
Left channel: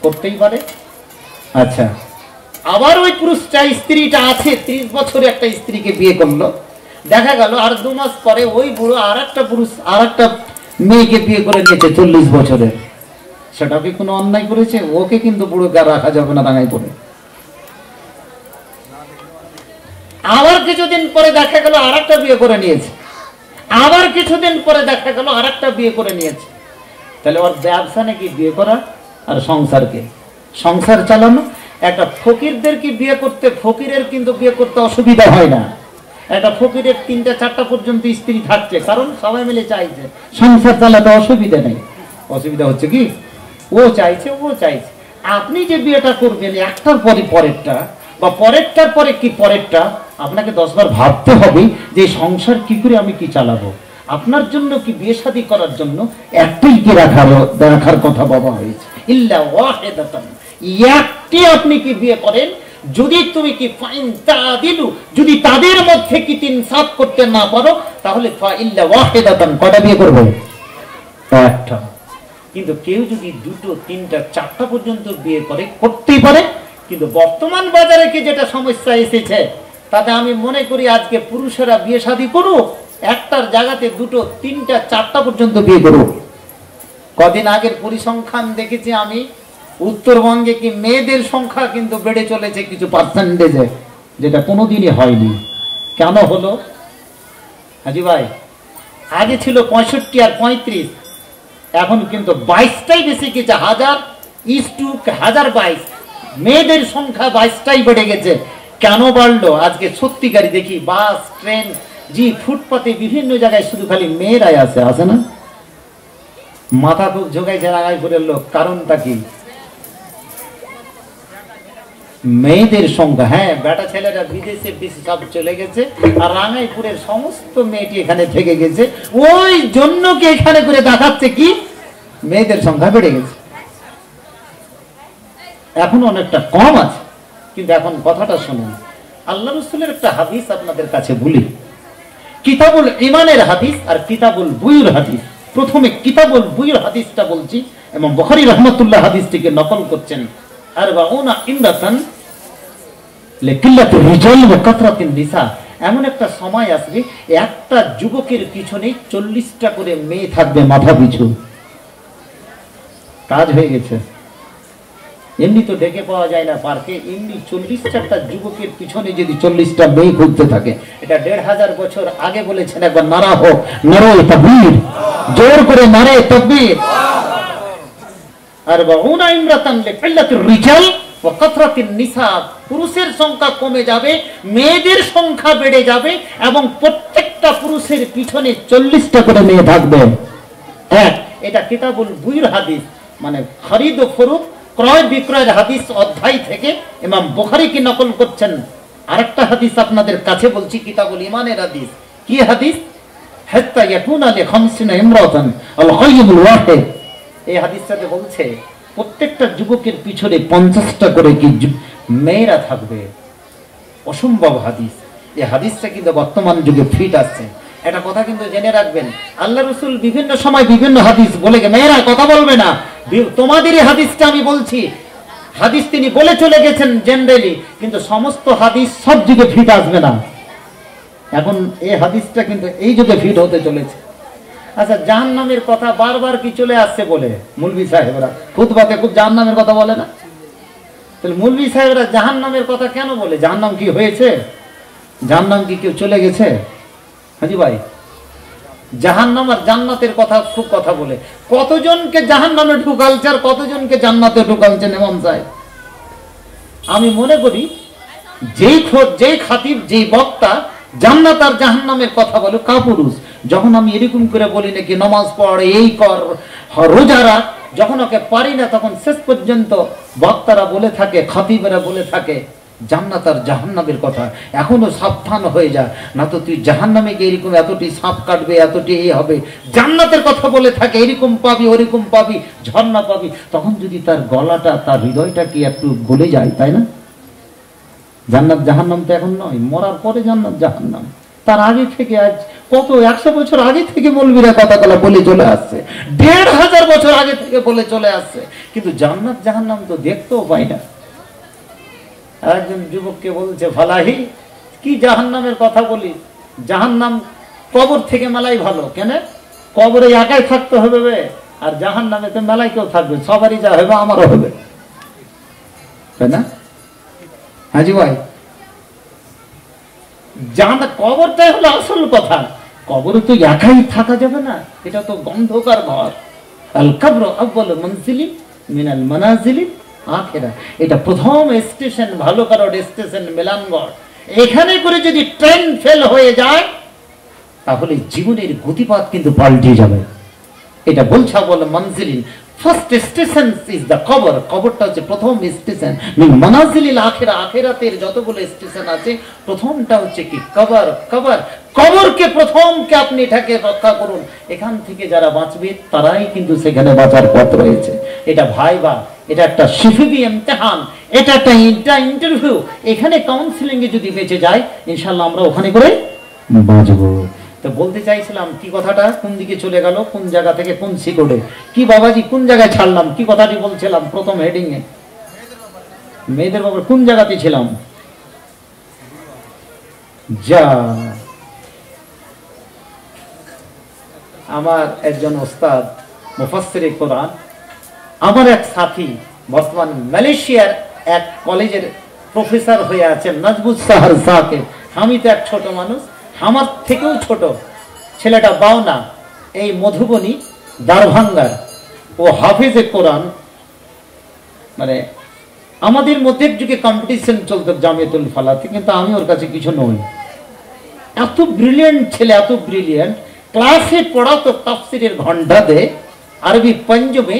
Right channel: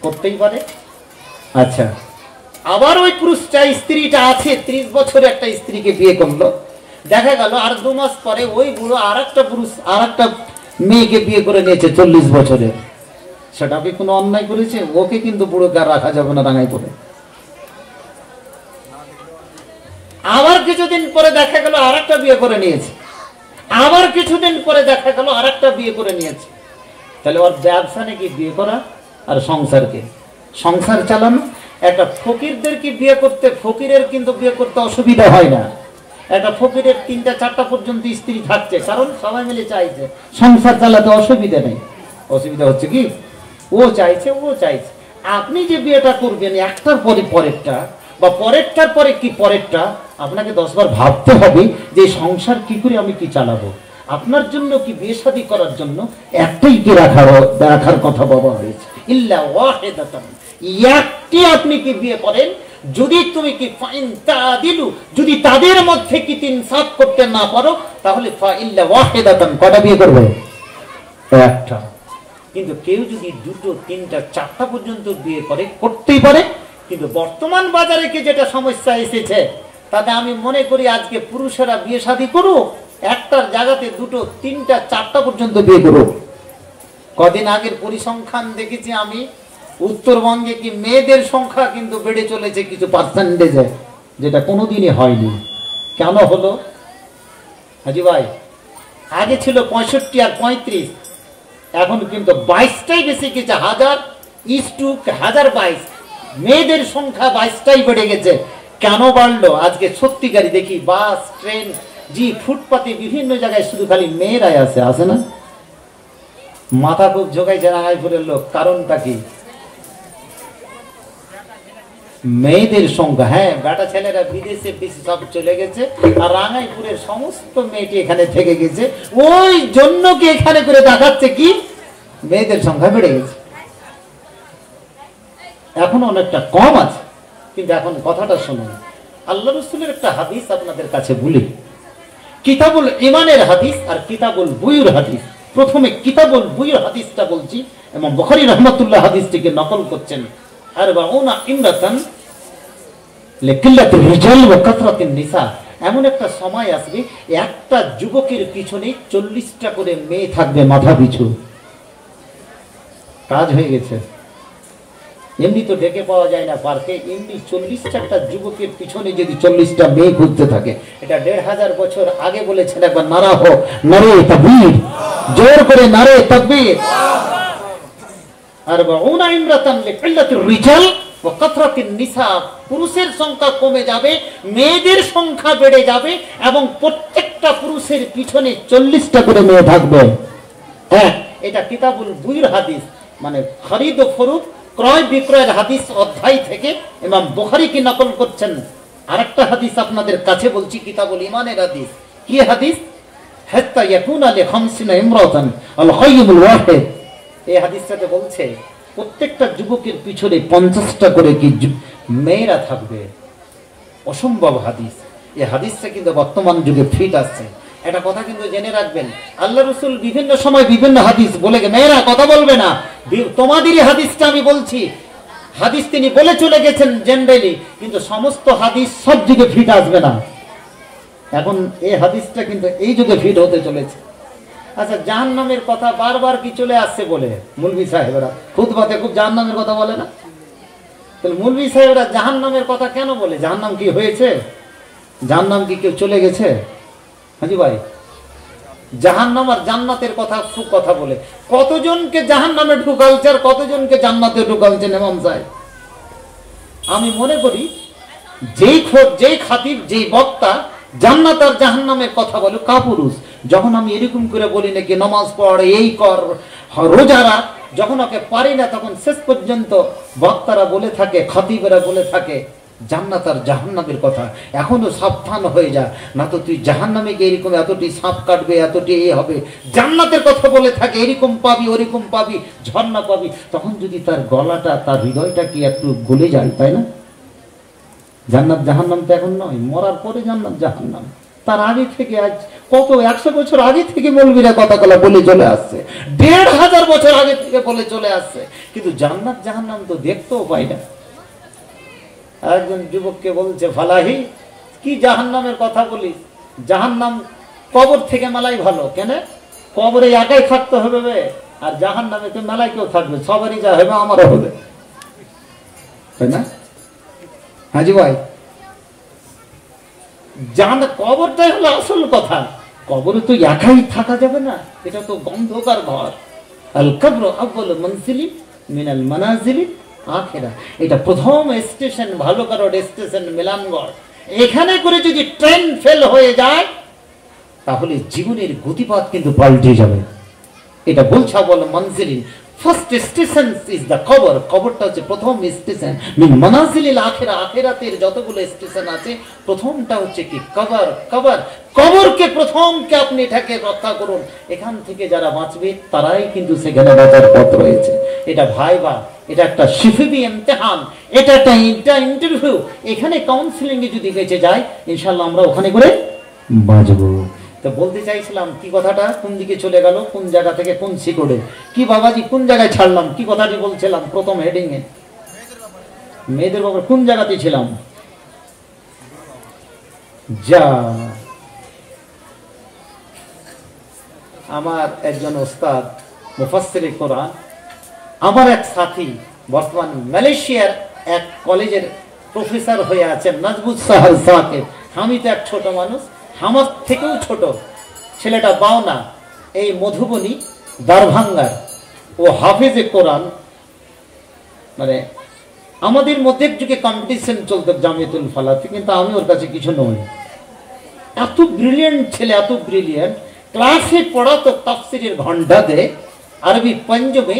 করতেই পারে। আচ্ছা, আবার ওই পুরুষটা, স্ত্রীটা আছে 30 বছরে একটা স্ত্রীকে বিয়ে করলো, দেখা গেল আর 2 মাস পরে ওই বুড়ো আর একটা পুরুষ আর একটা মেয়েকে বিয়ে করে নিয়েছে 40 বছরে। সেটা কি কোনো অন্যায় করেছে? ওকে কিন্তু বুড়োকে আর রাখা যাবে না রাঙাই পড়ে। আবার কিছুদিন পরে দেখা গেল আর একটা বিয়ে করে নিয়েছে, আবার কিছুদিন পরে দেখা গেল আর একটা বিয়ে করে নিয়েছে। তাহলে ওর ব্যবসা নাকি বিয়ে করা আর সংসারকে, সংসার চালানো। একটা ফকিরদেরকে বিয়ে করতে, ফকিরের কিন্তু বিয়ে করতে অসুবিধা হয় না। একটা ফকিরের 3টা-4টা পর্যন্ত স্ত্রী থাকছে, কারণ সবাই মিলে চাইছে, সংসার চালাতে অসুবিধা নেই। অসুবিধা হচ্ছে কি ও চাইছে, ও চাইছে। আপনি যে বিয়েটা করবেন একটার পরে পরেরটা, বা পরেরটার পরে কি পরেরটা, আপনাকে 10 বার ভাবতে হবে যে সংসার কি করে আমি কি চালাবো। আপনার জন্য কি বিয়ে শাদী করার জন্য একটাই কি রাখার কথা বলা হয়েছে, ইল্লা ওয়াহিদাতান, একটি আপনি কি বিয়ে করেন। যদি তুমি কি ফাইন তাদিলু, যদি তাদের মধ্যে কি ইনসাফ করতে না পারো, তাহলে ফা ইল্লা ওয়াহিদাতান, কয়টা বিয়ে করবে? একটা। কিন্তু কেউ যদি 2টো, 3টা, 4টা পর্যন্ত বিয়ে করে, করতেই পারে। কিন্তু বর্তমান বাজারে কি যেটা সমস্যা এসেছে, তাতে আমি মনে করি আজকে পুরুষেরা বিয়ে শাদী করুক, একটার জায়গাতে 2টো, 3টা, 4টা পর্যন্ত বিয়ে করুক। কদিন আগের পরিসংখ্যান দেখেছি আমি, উত্তরবঙ্গে কি মেয়েদের সংখ্যা কিন্তু বেড়ে চলেছে কিছু পার্সেন্টেজে, যেটা কোনোদিনই হয়নি। কেন হলো হাজি ভাই? আগে ছিল 65 আর 35, এখন কিন্তু 22টাই বেশি গেছে। 1000:1022 মেয়েদের সংখ্যা 22টাই বেড়ে গেছে। কেন বাড়লো? আজকে সত্যিকারই দেখি বাস, ট্রেন, জি ফুটপাতে বিভিন্ন জায়গায় শুধু খালি মেয়েরাই আছে না? মাথা খুব ঝোঁকাই রাঙাইপুরের লোক, কারণটা কি? মেয়েদের সংখ্যা। হ্যাঁ, বেটা ছেলেরা বিদেশে সব চলে গেছে, আর রাঙাইপুরের সমস্ত মেয়েটি এখানে থেকে গেছে। ওই জন্য কি এখানে করে দেখাচ্ছে কি মেয়েদের সংখ্যা বেড়ে গেছে। এখন অনেকটা কম আছে, কিন্তু এখন কথাটা শুনুন। আল্লাহ রাসূলের একটা হাদিস আপনাদের কাছে বলি, কিতাবুল ঈমানের হাদিস আর কিতাবুল বুয়ুর হাদিস। প্রথমে কিতাবুল বুয়ুর হাদিসটা বলছি, এবং বুখারী রাহমাতুল্লাহ হাদিসটিকে নকল করছেন। আরবাউনা ইমরাতান লিকিল্লাতির রিজাল ওয়া কাতরাতিন নিসা। এমন একটা সময় আসবে, একটা যুবকের পিছনে 40টা করে মেয়ে থাকবে মাথা পিছু। কাজ হয়ে গেছে। এমনি তো ডেকে পাওয়া যায় না পার্কে, এমনি 40টা যুবকের পিছনে যদি 40টা মেয়ে ঘুরতে থাকে, এটা 1500 বছর আগে বলেছেন। একবার নারা হোক, নারে তাকবীর, জোর করে নারে তাকবীর। আরবাউনা ইমরাতান লিকিল্লাতির রিজাল ওয়া কাতরাতিন নিসা। পুরুষের সংখ্যা কমে যাবে, মেয়েদের সংখ্যা বেড়ে যাবে, এবং প্রত্যেকটা পুরুষের পিছনে 40টা করে মেয়ে থাকবে। এটা কিতাবুল বুয়ুর হাদিস, মানে খরিদ ও ফরুক, ক্রয় বিক্রয়ের হাদিস অধ্যায় থেকে ইমাম বুখারী কি নকল করছেন। আরেকটা হাদিস আপনাদের কাছে বলছি, কিতাবুল ঈমানের হাদিস। কি হাদিস? হাত্তা ইয়াকুনা লি 50 ইমরাতান আল গায়বুল ওয়াহিদ। এই হাদিসটাতে বলছে প্রত্যেকটা যুবকের পিছনে 50টা করে কি মেয়েরা থাকবে। অসম্ভব হাদিস। এই হাদিসটা কিন্তু বর্তমান যুগে ফিট আসছে। একটা কথা কিন্তু জেনে রাখবেন, আল্লাহ রাসূল বিভিন্ন সময় বিভিন্ন হাদিস বলে, মেয়েরা কথা বলবে না, তোমাদেরই হাদিসটা আমি বলছি। হাদিস তিনি বলে চলে গেছেন জেনারেলি, কিন্তু সমস্ত হাদিস সব যুগে ফিট আসবে না। এখন এই হাদিসটা কিন্তু এই যুগে ফিট হতে চলেছে। আচ্ছা, জাহান্নামের কথা বারবার কি চলে আসছে বলে মৌলভী সাহেবরা খুতবাতে খুব জাহান্নামের কথা বলে না? তাহলে মৌলভী সাহেবরা জাহান্নামের কথা কেন বলে? জাহান্নাম কি হয়েছে? জাহান্নাম কি কেউ চলে গেছে? হাজি ভাই, জাহান্নাম আর জান্নাতের কথা খুব কথা বলে, কতজনকে জাহান্নামে ঢুকালছে আর কতজনকে জান্নাতে ঢুকালছেন ইমাম সাহেব। আমি মনে করি যেই খাতিব, যেই বক্তা জান্নাত আর জাহান্নামের কথা বলে কাপুরুষ। যখন আমি এরকম করে বলি নাকি নামাজ পড়, এই কর, রোজা রাখ, যখন ওকে পারি না তখন শেষ পর্যন্ত বক্তারা বলে থাকে, খাতিবেরা বলে থাকে জান্নাত আর জাহান্নামের কথা। এখনো সাবধান হয়ে যা, না তো তুই জাহান্নামে গিয়ে এরকম এতটি সাপ কাটবে, এতটি এ হবে। জান্নাতের কথা বলে থাকে এরকম পাবি, ওরকম পাবি, ঝর্ণা পাবি। তখন যদি তার গলাটা, তার হৃদয়টা কি একটু গলে যায়, তাই না? জান্নাত জাহান্নাম তো এখন নয়, মরার পরে জান্নাত জাহান্নাম। তার আগে থেকে, আজ কত 100 বছর আগে থেকে মৌলবীরা কথাগুলো বলে চলে আসছে, 1500 বছর আগে থেকে বলে চলে আসছে, কিন্তু জান্নাত জাহান্নাম তো দেখতেও পাই না। একজন যুবককে বলছে, ফালাহি কি জাহান্নামের কথা বলিস? জাহান্নাম কবর থেকে মেলাই ভালো। কেন? কবরে একাই থাকতে হবে, আর জাহান্নামে তো মেলাই কেউ থাকবে, সবারই যা হবে আমারও হবে, তাই না? হাজি ভাই, জাহান্নাম কবরটাই হলো আসল কথা। কবরে তো একাই থাকা যাবে না, এটা তো গন্ধকার ঘর। আল কবর আউয়াল মানজিলি মিনাল মানাজিলি আখিরা, এটা প্রথম স্টেশন, ভালো কারোর স্টেশন মিলানগড়। এখানে করে যদি ট্রেন ফেল হয়ে যায় তাহলে জীবনের গতিপথ কিন্তু পাল্টে যাবে। এটা বলছে আউয়াল মানজিলিন, ফার্স্ট স্টেশন ইজ দ্য কবর। কবরটা হচ্ছে প্রথম স্টেশন। মানাজিলিল আখিরা, আখিরাতের যতগুলো স্টেশন আছে প্রথমটা হচ্ছে কি কবর। কবর, কবরকে প্রথমকে আপনি এটাকে রক্ষা করুন। এখান থেকে যারা বাঁচবে তারাই কিন্তু সেখানে বাঁচার পথ রয়েছে। এটা ভাইবা, এটা একটা শিফিবি ইমতিহান, এটা একটা ইন্টারভিউ। এখানে কাউন্সিলিং এ যদি বেঁচে যায় ইনশাআল্লাহ আমরা ওখানে করে বাঁচবো। তো বলতে চাইছিলাম কি কথাটা কোন দিকে চলে গেল, কোন জায়গা থেকে কোন শিকড়ে, কি বাবাজি কোন জায়গায় ছাড়লাম, কি কথাটি বলছিলাম প্রথম হেডিং এ? মেয়েদের ব্যাপারে কোন জায়গাতে ছিলাম? যা, আমার একজন ওস্তাদ মুফাসসিরে কোরআন, আমার এক সাথী বর্তমান মালয়েশিয়ার এক কলেজের প্রফেসর হয়ে আছেন, নাজবুত সাহাল সাহেব। আমি তো এক ছোট মানুষ, আমার থেকেও ছোট ছেলেটা বাওনা, এই মধুবনী দারভাঙ্গার, ও হাফেজে কোরআন। মানে আমাদের মধ্যে যুগে কম্পিটিশন চলতো জামিয়াতুল ফালাতে, কিন্তু আমি ওর কাছে কিছু নই। এত ব্রিলিয়েন্ট ছেলে, এত ব্রিলিয়েন্ট। ক্লাসে পড়াতো তাফসিরের ঘন্টা দেয়, আরবি পঞ্জমে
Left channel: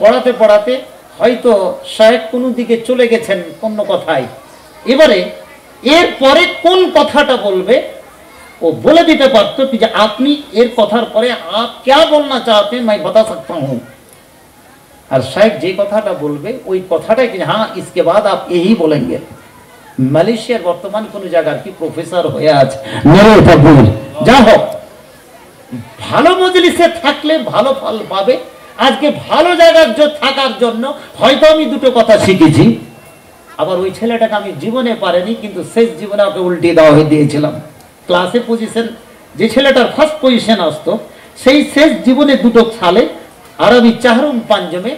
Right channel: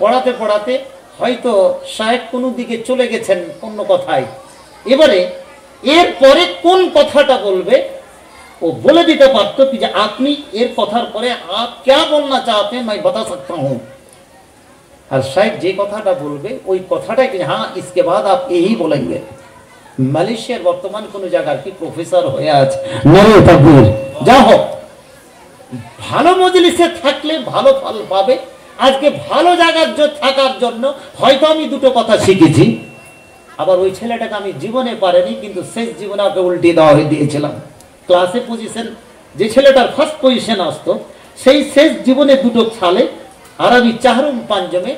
পড়াতে পড়াতে হয়তো শায়েখ কোনো দিকে চলে গেছেন অন্য কথায়। এবারে এরপরে কোন কথাটা বলবে ও বলে দিতে পারতো যে আপনি এর কথার পরে আপ क्या बोलना चाहते हैं मैं बता सकता हूं। আর শায়েখ যে কথাটা বলবে ওই কথাটাই কি, হ্যাঁ इसके बाद आप यही बोलेंगे। মালয়েশিয়ার বর্তমান কোন জায়গার কি প্রফেসর হয়ে আছে, নারে তাকবীর। যা হোক, ভালো মজলিসে থাকলে ভালো ফল পাবে। আজকে ভালো জায়গার থাকার জন্য হয়তো আমি দুটো কথা শিখেছি, আবার ওই ছেলেটাকে আমি জীবনে পারিনি, কিন্তু শেষ জীবনে ওকে উল্টে দেওয়া হয়ে দিয়েছিলাম। ক্লাসে পজিশন, যে ছেলেটার ফার্স্ট পজিশন আসতো, সেই শেষ জীবনে দুটো সালে আরবি চাহরুম পাঞ্জমে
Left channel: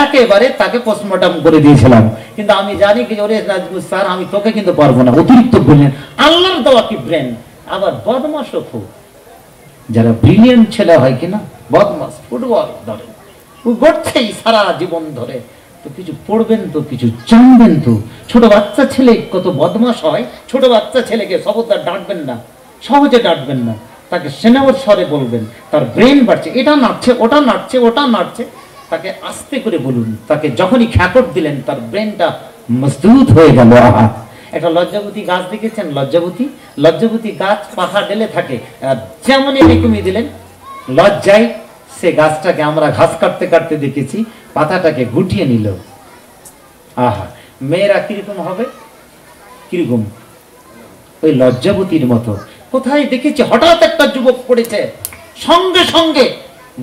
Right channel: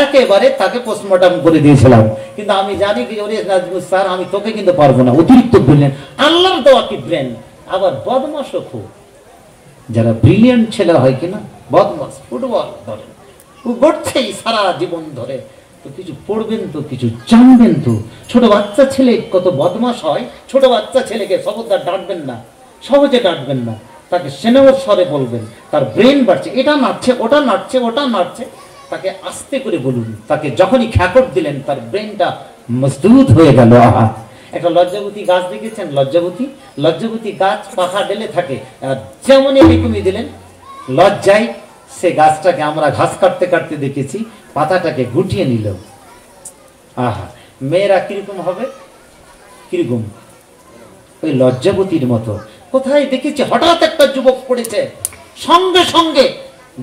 একেবারে তাকে পোস্টমর্টম করে দিয়েছিলাম। কিন্তু আমি জানি কি, ওরে নাজমুল স্যার আমি তোকে কিন্তু পারবো না, অতিরিক্ত ব্রিলিয়েন্ট, আল্লাহর দেওয়া কি ব্রেন। আবার বদমাশও খুব, যারা ব্রিলিয়েন্ট ছেলে হয় কিনা বদমাস, ফুটবল ধরে ও গড়ছেই সারা জীবন ধরে। তো কিছু পড়বেন তো, কিছু জানবেন তো। ছোট বাচ্চা ছেলে কত বদমাস হয়, ছোট বাচ্চা ছেলেকে খবরদার ডাঁটবেন না, সহজে ডাঁটবেন না, তাকে স্নেহর স্বরে বলবেন। তার ব্রেন বাড়ছে, এটা নাড়ছে, ওটা নাড়ছে, ওটা নাড়ছে, তাকে আস্তে করে বলুন। তাকে যখনই খ্যাকট দিলেন তার ব্রেনটা মজবুত হয়ে গেল। আহা, একটা লজ্জাবতী গাছ দেখেছেন? লজ্জাবতী গাছ পাখা ঢেলে থাকে, যেমন এরকমই দিলেন, লজ্জায় সে গাছটাকে আমরা ঘাস কাটতে কাটতে দেখেছি, পাতাটাকে গুটিয়ে নিল। আহা, মেয়েরা কিরকম হবে? কিরকম? ওই লজ্জাবতীর মতো। কোথায় দেখেছি হঠাৎ একটা যুবক পড়েছে, সঙ্গে সঙ্গে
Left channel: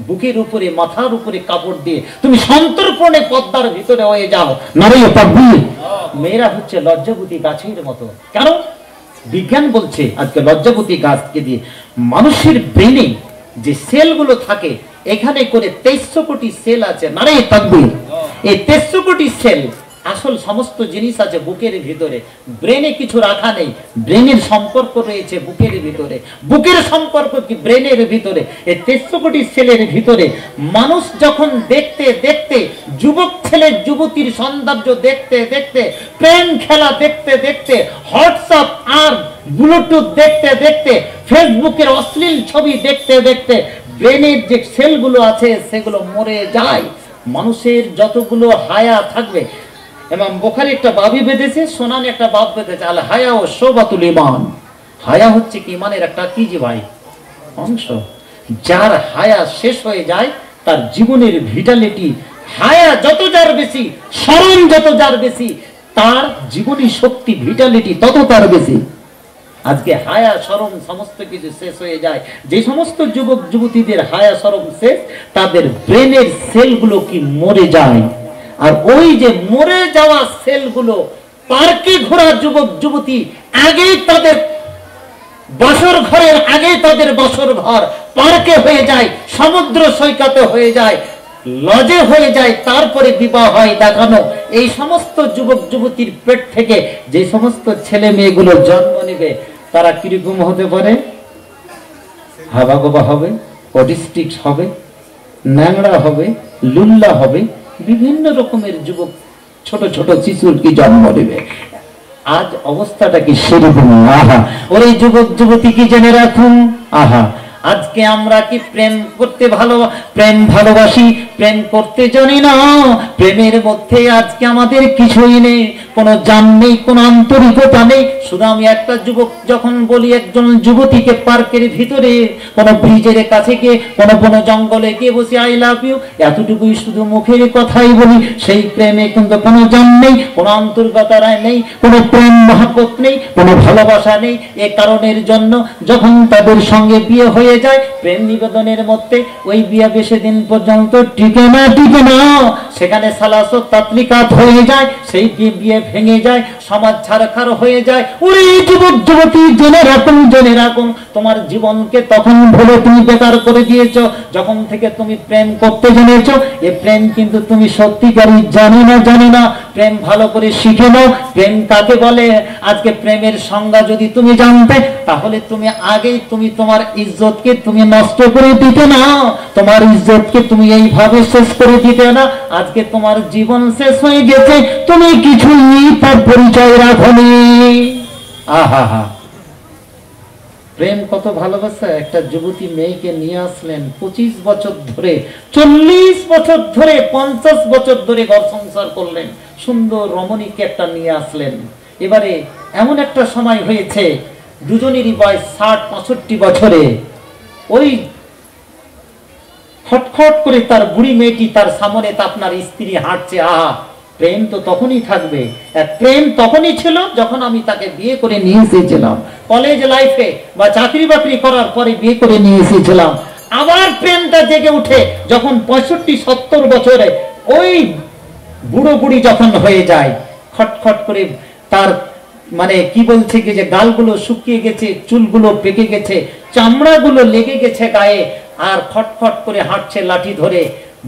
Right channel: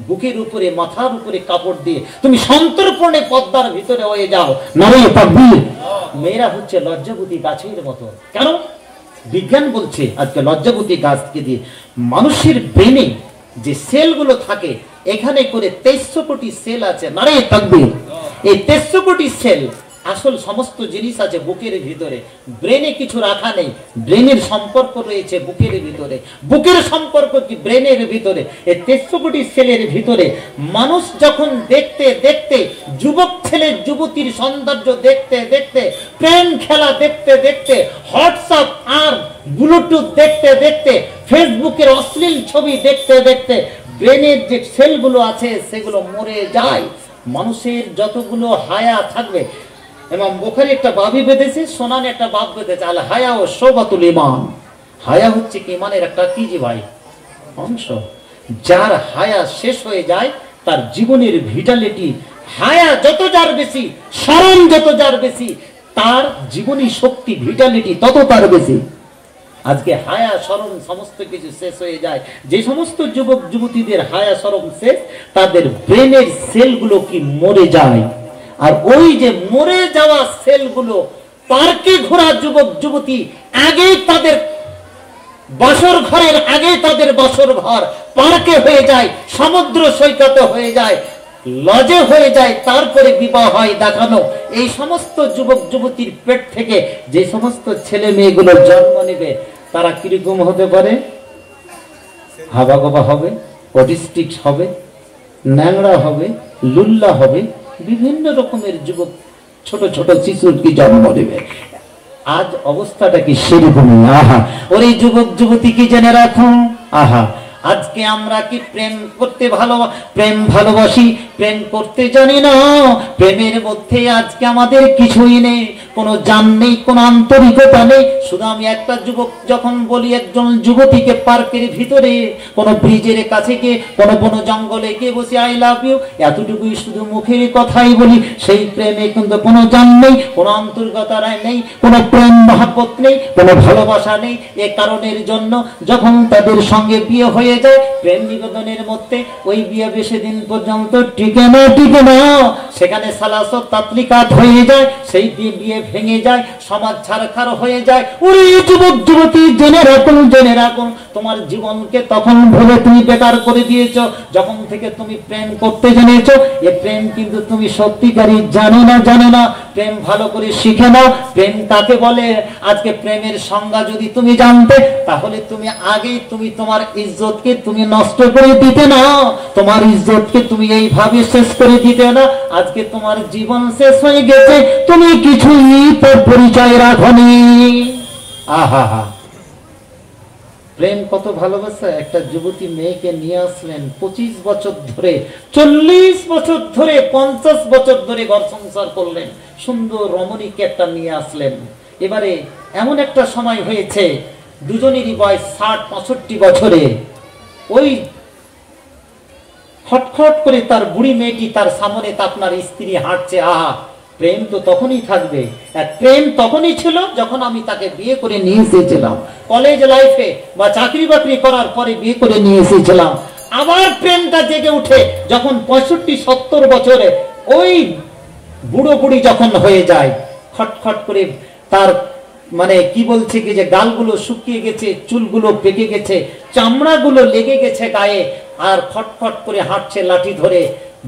বুকের উপরে, মাথার উপরে কাপড় দিয়ে তুমি সন্তর্পণে পদ্মার ভিতরে হয়ে যাও, নারে তাকবীর। মেয়েরা হচ্ছে লজ্জাবতী গাছের মতো। কেন? বিজ্ঞান বলছে আজকে লজ্জাবতী গাছকে দিয়ে মানুষের ব্রেনে যে সেলগুলো থাকে, এখানে করে 2300 কোটি সেল আছে, নারে তাকবীর। এই 2300 কোটি সেল আসল সমস্ত জিনিস আছে বুকের ভিতরে, ব্রেনে কিছু রাখা নেই। ব্রেনের সম্পর্ক রয়েছে বুকের ভিতরে, বুকের সম্পর্ক কি ব্রেনের ভিতরে, এই 1300 কোটি সেলের ভিতরে। মানুষ যখন দেখতে দেখতে, যুবক ছেলে যুবতীর সৌন্দর্য দেখতে দেখতে, প্রেম খেলা দেখতে দেখতে, হোয়াটসঅ্যাপ আর ব্লুটুথ দেখতে দেখতে, ফেসবুকের অশ্লীল ছবি দেখতে দেখতে ব্রেনের যে সেলগুলো আছে সেগুলো মরে যায়। মানুষের যতগুলো হায়া থাকবে, ইমাম বুখারী একটা বাবি বেঁধেছে, সোনানে একটা বাব বেঁধেছে, আল হায়া ও শোবাতুল ঈমান। হায়া হচ্ছে কি ইমানের একটা কি যে ভাই অংশ। যার হায়া শেষ হয়ে যায় তার জীবনের ভিটালিটি, হায়া যত যার বেশি, শরম যত যার বেশি, তার জীবনী শক্তি ভিটালিটি তত তার বেশি। আজকে হায়া শরম সমস্ত কিছু শেষ হয়ে যায়। যে সমস্ত যুবক যুবতীদের হায়া শরম শেষ, তাদের ব্রেনের সেলগুলো কি মরে যায়। আর ওই যে মরে যাওয়া সেলগুলো, পার্কে ঘোরা যুবক যুবতী আগেই তাদের বাসর ঘরের আগে তাদের বাসর ঘর পার্কে হয়ে যায়, সমুদ্র সৈকতে হয়ে যায়, লজে হয়ে যায়, তারপরে বিবাহ হয় দেখানো। এই সমস্ত যুবক যুবতীর পেট থেকে যে সমস্ত ছেলে মেয়েগুলো জন্ম নেবে, তারা কিরকম হতে পারে? হাবাগোবা হবে, অটিস্টিক হবে, ন্যাংরা হবে, লুল্লা হবে, বিভিন্ন রকমের যুবক ছোট ছোট শিশুর কি জন্ম নেবে। আজ অবস্থাটা কি সেরকম? আহা, ওরে যুবক যুবতী কি জেনে রাখুন, আহা, আজকে আমরা কি প্রেম করতে প্রেম ভালোবাসি, প্রেম করতে জানি না। প্রেমের মধ্যে আজকে আমাদের কিছুই নেই, কোনো জান নেই, কোনো আন্তরিকতা নেই। শুধু আমি একটা যুবক যখন বলি একজন যুবতীকে পার্কের ভিতরে কোনো ব্রিজের কাছে গিয়ে কোনো কোনো জঙ্গলে গিয়ে বসে আই লাভ ইউ, এতটুকুই শুধু মুখের কথাই বলি, সেই প্রেমে কিন্তু কোনো জান নেই, কোনো আন্তরিকতা নেই, কোনো প্রেম মহব্বত নেই, কোনো ভালোবাসা নেই। এ কারণের জন্য যখন তাদের সঙ্গে বিয়ে হয়ে যায়, প্রেম নিবেদনের মধ্যে ওই বিয়ে বেশি দিন পর্যন্ত টিকে না, সেখানে সালাসত তাতলিকাত হয়ে যায়, সেই বিয়ে ভেঙে যায়, সমাজ ছাড়খাড় হয়ে যায়। ওই যুবক যুবতী জেনে রাখুন, তোমার জীবনকে তখন ভুলে তুমি বেকার করে দিয়েছো যখন থেকে তুমি প্রেম করতে জেনেছো। এ প্রেম কিন্তু তুমি সত্যিকারই জানো না, প্রেম ভালো করে শিখে নাও, প্রেম কাকে বলে। আজকে প্রেমের সংজ্ঞা যদি তুমি জানতে, তাহলে তুমি আগেই তুমি তোমার ইজ্জতকে তুমি নষ্ট করে দিতে না, তোমার ইজ্জতকে তুমি এইভাবে শেষ করে দিতে না। আজকে তোমার জীবন শেষ হয়ে গেছে, তুমি কিছুই তার পরিচয় রাখনি। আহা হা, প্রেম কত ভালোবাসা। একটা যুবতী মেয়েকে নিয়ে আসলেন, 25 বছর ধরে, 40 বছর ধরে, 50 বছর ধরে ঘর সংসার করলেন, সুন্দর রমণীকে একটা নিয়ে আসলেন। এবারে এমন একটা সময় হয়েছে, দুজনেরই বয়স 60-65 বছরে। ওই খটখট করে তার বুড়ি মেয়েটি তার সামনে আপনার স্ত্রী হাঁটছে। আহা, প্রেম তো তখনই থাকবে। প্রেম তখনই ছিল যখন আমি তাকে বিয়ে করে নিয়ে এসেছিলাম, কলেজ লাইফে বা চাকরি বাকরি করার পরে বিয়ে করে নিয়ে এসেছিলাম। আবার প্রেমটা জেগে উঠে যখন 65-70 বছরে ওই বুড়ো বুড়ি যখন হয়ে যায়, খটখট করে তার মানে কি বলছে কি যে গালগুলো শুকিয়ে গেছে, চুলগুলো পেকে গেছে, চামড়াগুলো লেগে গেছে গায়ে, আর খটখট করে হাঁটছে লাঠি ধরে।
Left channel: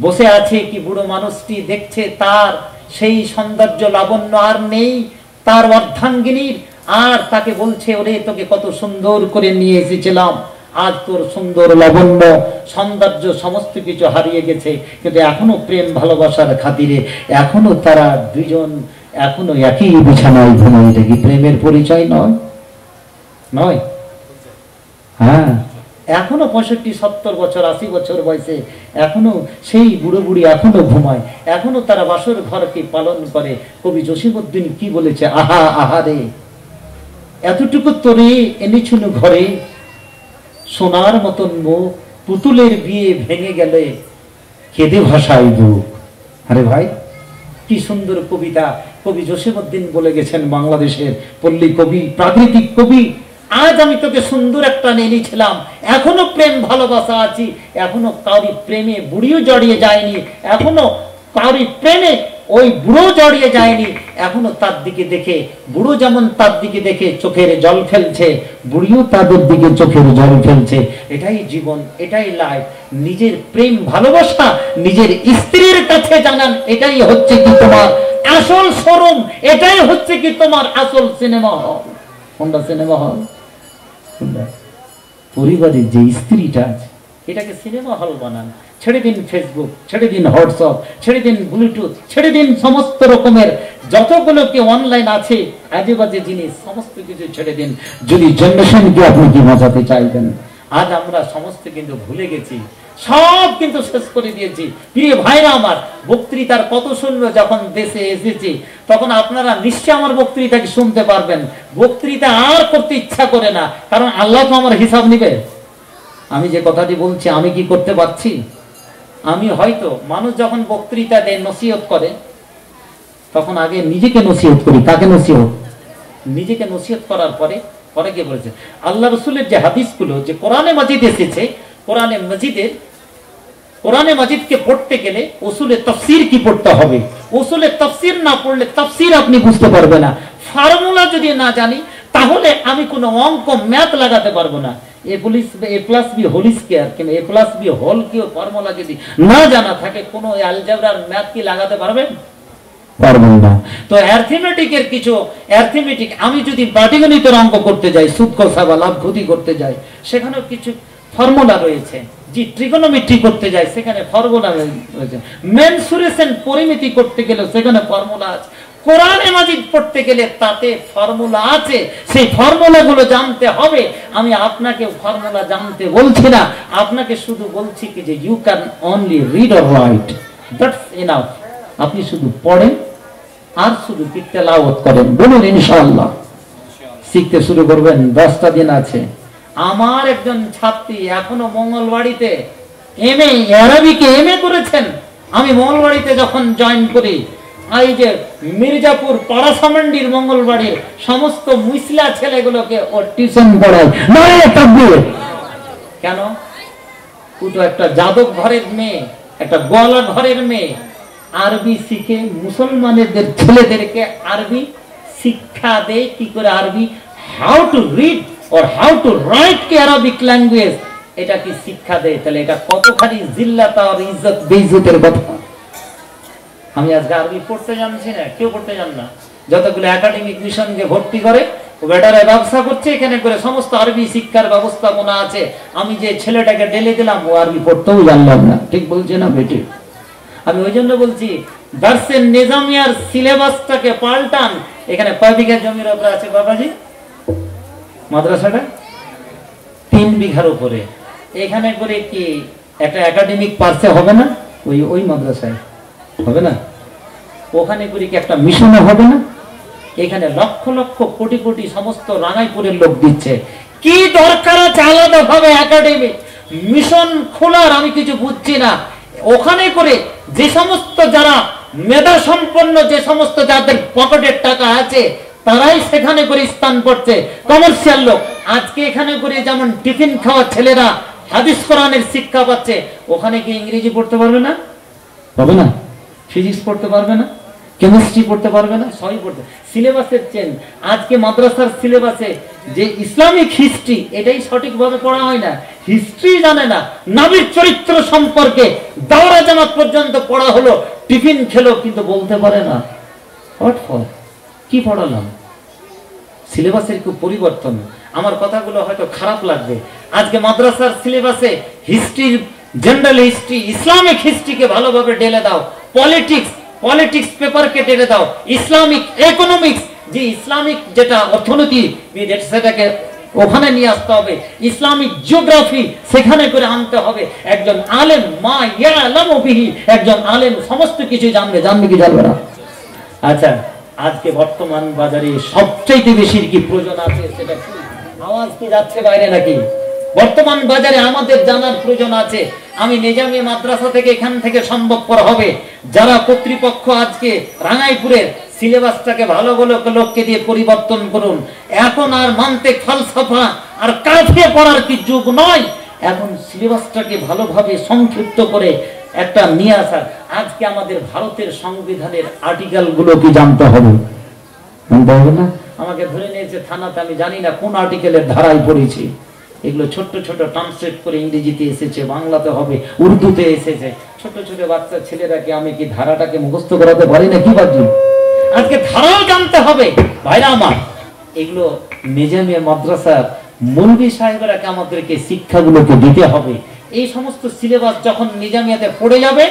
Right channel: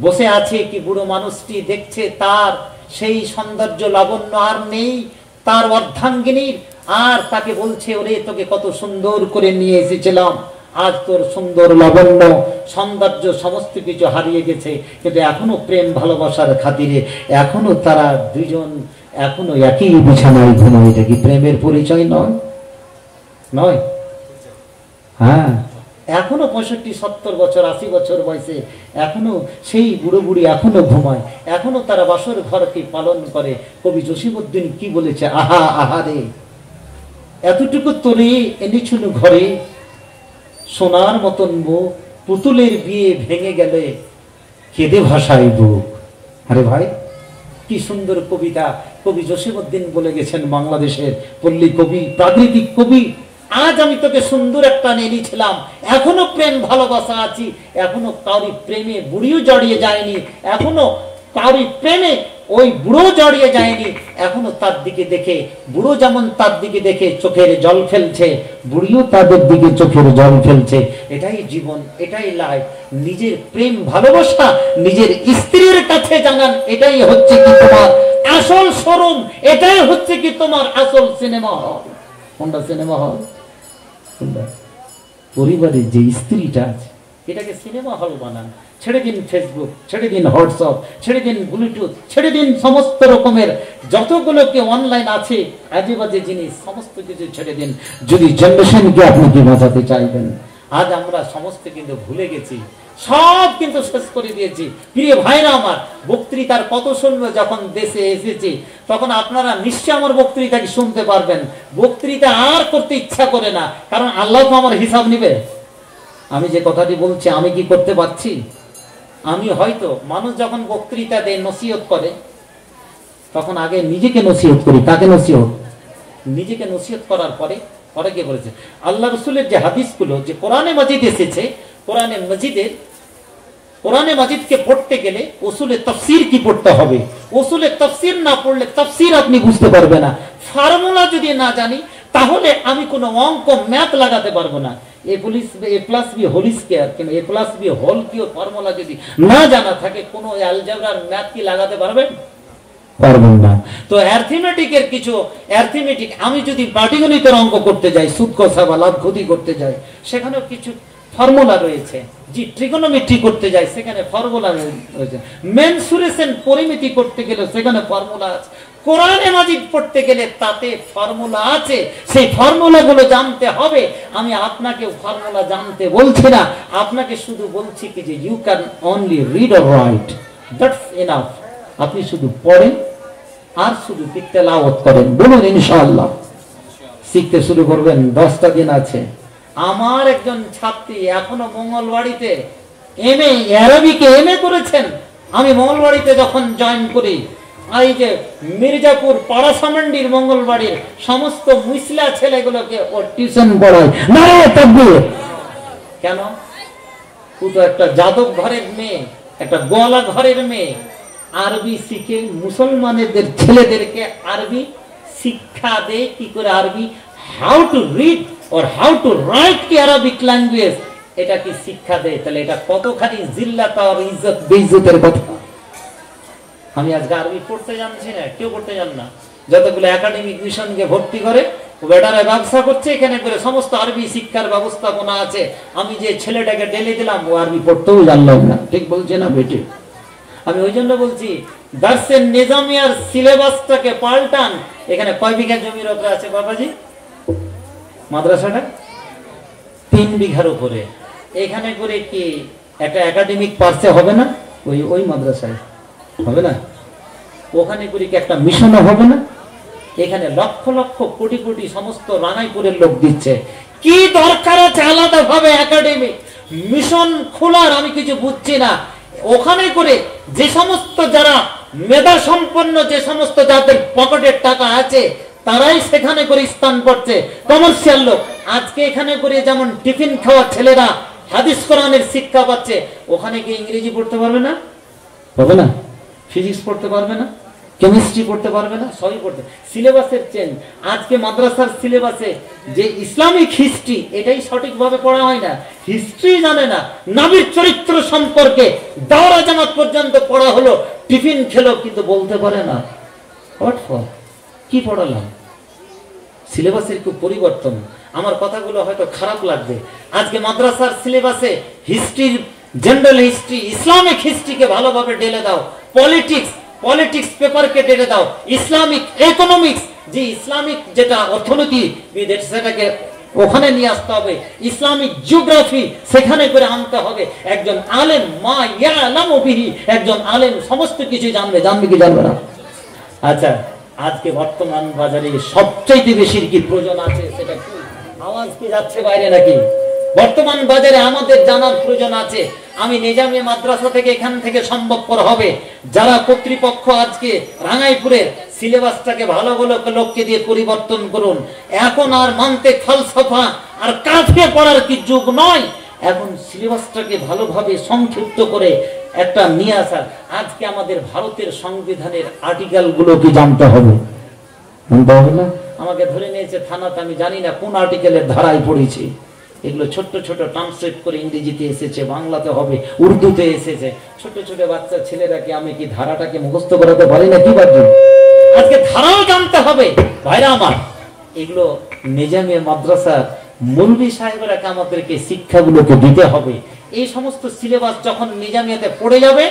বসে আছে কি বুড়ো মানুষটি, দেখছে তার সেই সৌন্দর্য লাবণ্য আর নেই তার অর্ধাঙ্গিনীর, আর তাকে বলছে, ওরে তোকে কত সুন্দর করে নিয়ে এসেছিলাম, আজ তোর সুন্দর লাবণ্য সৌন্দর্য সমস্ত কিছু হারিয়ে গেছে। কিন্তু এখনো প্রেম ভালোবাসার খাতিরে এখনো তারা দুজন এখনো একই বিছানায় ঘুমায়। এটা কি প্রেমের পরিচয় নয়? হ্যাঁ, এখনো 65-70 বছর, 80 বছর বয়সে এখনো সেই বুড়ো বুড়ি এখনো ঘুমায়, এখনো তারা বাসর ঘরকে পালন করে। কবি জসিমউদ্দিন কি বলেছে, আহা আহারে, এতটুকু তোরে এনেছিল ঘরে, সোনার মতন মুখ, পুতুলের বিয়ে ভেঙে গেলে কেঁদে ভাষায় বুক। আরে ভাই, কি সুন্দর কবিতা কবি জসিমউদ্দিন বলে গেছেন, বাংলাদেশের পল্লী কবি, প্রাকৃতিক কবি। আজ আমি তোকে সুন্দর একটা এনেছিলাম, এখনো প্রেম ভালোবাসা আছি, এখনো কাউরি প্রেমে বুড়িও জড়িয়ে যায়নি, এখনো কাউরি প্রেমে ওই বুড়ো জড়িয়ে যায়নি। এখনো তার দিকে দেখে, বুড়ো যেমন তার দিকে দেখে চোখের জল ফেলছে, বুড়িও তাদের দিকে চোখের জল ফেলছে। এটাই জীবন, এটাই লাইফ। নিজের প্রেম ভালোবাসা নিজের স্ত্রীর কাছে জানান, এটাই হচ্ছে কি তোমার আসল শোরুম এটাই হচ্ছে কি তোমার আসল সিনেমা হল। কোনটা সিনেমা হল? পরিবারের যে স্ত্রীটা আছে এটাকে সিনেমা হল বানান। ছেড়ে দিন ফেসবুক, ছেড়ে দিন হোয়াটসঅ্যাপ, ছেড়ে দিন ব্লুটুথ, ছেড়ে দিন সমস্ত রকমের যতগুলো কি অনলাইন আছে আজে বাজে জিনিস, সমস্ত কিছু ছেড়ে দিন। যদি জেনারেশনকে আপনি কি বাঁচাতে চাইবেন, আজ আমরা সমস্ত কিন্তু ভুলে গেছি, সব কিন্তু শেষ করে দিয়েছি। প্রিয় ভাইরা আমার, বক্তৃতার কত শুনলো যখন দেশে এসেছি তখন আপনারা নিশ্চয় আমার বক্তৃতাকে শুনতে পারবেন। বক্তৃতা আর করতে ইচ্ছা করে না, কারণ আল্লাহ তো আমার হিসাব নিবে। আমি যে কথাটি বলছি আমি কি করতে পারছি? আমি হয়তো মানুষ যখন বক্তৃতা দেয় নসিহত করে তখন আগে নিজেকে নসিহত করি। কাকে নসিহত? নিজেকে নসিহত করার পরে পরে কে বলেছে? আল্লাহ রসুলের যে হাদিসগুলো যে কোরআনে মাজিদ এসেছে, কোরআনে মাজিদকে পড়তে গেলে উসুলে তাফসীর কি পড়তে হবে। উসুলে তাফসীর না পড়লে তাফসীর আপনি বুঝতে পারবে না। ফর্মুলা যদি না জানি তাহলে আমি কোনো অঙ্ক ম্যাথ লাগাতে পারবো না। a plus B whole square কিংবা a plus B whole cube formula যদি না জানা থাকে কোনো অ্যালজেব্রার ম্যাথ কি লাগাতে পারবেন? পারবেন না। তো অ্যারিথমেটিকের কিছু অ্যারিথমেটিক আমি যদি পাটিগণিতের অঙ্ক করতে যাই, সুদ কষা বা লাভ ক্ষতি করতে যাই, সেখানেও কিছু ফর্মুলা রয়েছে। যে ট্রিগোনোমেট্রি করতে যাই সেখানে ফর্মুলা রয়েছে। মেনসুরেশন পরিমিতি করতে গেলে সেখানে ফর্মুলা আছে। কোরআনে মাজিদ পড়তে গেলে তাতে ফর্মুলা আছে, সেই ফর্মুলাগুলো জানতে হবে। আমি আপনাকে ফর্মুলা জানতে বলছি না, আপনাকে শুধু বলছি কি যে you can only read or write, that's enough. আপনি শুধু পড়েন আর শুধু তেলাওয়াত করেন। বলুন ইনশাআল্লাহ। শিখতে শুরু করবেন, 10টা দিন আছে। আমার একজন ছাত্রী এখনো মঙ্গলবাড়িতে এমএ আরবিকে এমএ করেছেন। আমি মঙ্গলবাড়িতে যখন জয়েন করি, এই যে মির্জাপুর পাড়াসামান্ডির মঙ্গলবাড়ির সমস্ত মুসলা ছেলেগুলোকে ও টিউশন পড়ায়। কেন? ও তো একটা যাদব ঘরের মেয়ে, একটা গোয়ালা ঘরের মেয়ে, আরবি শিখে মুসলমানদের ছেলেদেরকে আরবি শিক্ষা দেয় কি করে আরবি, how to read or how to write the Arabic language, এটা কি শিক্ষা দেয়। তাহলে এটা কতখানি জিল্লাত আর ইজ্জত বেইজ্জতের কথা। আমি আজকে আরবি পড়তে জানছি না, কেউ পড়তে জান না। যতগুলো একাডেমিক মিশনকে ভর্তি করে ও বেটারা ব্যবসা করছে এখানে করে, সমস্ত আরবি শিক্ষার ব্যবস্থাপনা আছে। আমি যে ছেলেটাকে ঢেলে দিলাম ও আরবি পড়তেও জানলাম না। ঠিক বলছে না বেটি? আমি ওই জন্য বলছি দার্সের নিজামিয়ার সিলেবাসটাকে পাল্টান। এখানে কয় বিঘা জমির উপরে আছে বাবাজি মাদ্রাসাটা? 3 বিঘার উপরে। এখানে করে কি একটা একাডেমিক পার্সে হবে না? ওই মাদ্রাসায় হবে না? ওখানে করে কি একটা মিশনও হবে না? এখানে লক্ষ লক্ষ কোটি কোটি সমস্ত রাঙাইপুরের লোক দিচ্ছে। কি দরকার আছে আলাদা ভাবে একাডেমি মিশন খোলার? আমি কিছু বুঝছি না। ওখানে করে যে সমস্ত যারা মেধা সম্পন্ন, যে সমস্ত যাদের পকেটের টাকা আছে তারাই সেখানে করে স্থান করছে, কমার্শিয়াল লোক। আজকে এখানে করে যেমন টিফিন খাওয়া ছেলেরা হাদিস কোরআনের শিক্ষা পাচ্ছে, ওখানে কি ইংরেজি পড়তে পারবে না? হবে না। ফিজিক্স পড়তে পারবে না, কেমিস্ট্রি পড়তে পারবে না, সবই পড়তে। সিলেবাসের চেঞ্জ। আজকে মাদ্রাসার সিলেবাসে যে ইসলামিক হিস্ট্রি এটাই সঠিকভাবে পড়া হয় না, হিস্ট্রি জানে না, নবীর চরিত্র সম্পর্কে দাওরা জামাত পর্যন্ত পড়া হলো, টিফিন খেলো কিন্তু বলতে পারে না। What for? কি পড়ালাম? সিলেবাসের খুব পরিবর্তন। আমার কথাগুলো হয়তো খারাপ লাগবে। আজকে মাদ্রাসার সিলেবাসে হিস্ট্রি, জেনারেল হিস্ট্রি, ইসলামিক হিস্ট্রিকে ভালোভাবে ঢেলে দাও। পলিটিক্স পেপারকে ঢেলে দাও। ইসলামিক ইকোনমিক্স, যে ইসলামিক যেটা অর্থনীতি সেটাকে ওখানে নিয়ে আসতে হবে। ইসলামিক জিওগ্রাফি সেখানে করে আনতে হবে। একজন আলেম মা ইয়ালামু বিহি, একজন আলেম সমস্ত কিছু জানবে কি জানবে না? আচ্ছা, আজকে বর্তমান বাজারে সবচাইতে বেশি কি প্রয়োজন আছে সেটা কি? আওয়াজ কি যাচ্ছে বাইরে নাকি? বর্তমান বাজারে আমাদের জানার প্রয়োজন আছে। আমি নিজামী মাদ্রাসা থেকে এখান থেকে সম্ভবপর হবে যারা কর্তৃপক্ষ আজকে রাঙাইপুরের সিলেবাসটাকে ভালো ভালো লোককে দিয়ে পরিবর্তন করুন। এখন আর মানতে ফালসাফা আর কাফে পড়ার কি যুগ নয়। এখন সিলেবাসটাকে ভালোভাবে সংক্ষিপ্ত করে একটা নিয়ে আসা। আজকে আমাদের ভারতের সংবিধানের আর্টিকেল গুলো কি জানতে হবে না? আমাকে ধরে নিয়েছে থানাতে, আমি জানি না কোন আর্টিকেলের ধারায় পড়েছি। এগুলো ছোট্ট ছোট ট্রান্সলেট করে ইংরেজিতে এসেছে, বাংলাতে হবে, উর্দুতে এসেছে। ছোট ছোট বাচ্চা ছেলেরাকে আমি কি ধারাটাকে মুখস্থ করাতে পারি না? কি ভাবছি আজকে ধারাও জানতে হবে। ভাইরা আমার, এগুলো নিজামিয়া মাদ্রাসার মৌলভী সাহেবরা আমাদেরকে শিক্ষাগুলোকে দিতে হবে। এই সমস্ত সিলেবাস যখন নিজামিয়াতে পড়ে যাবে,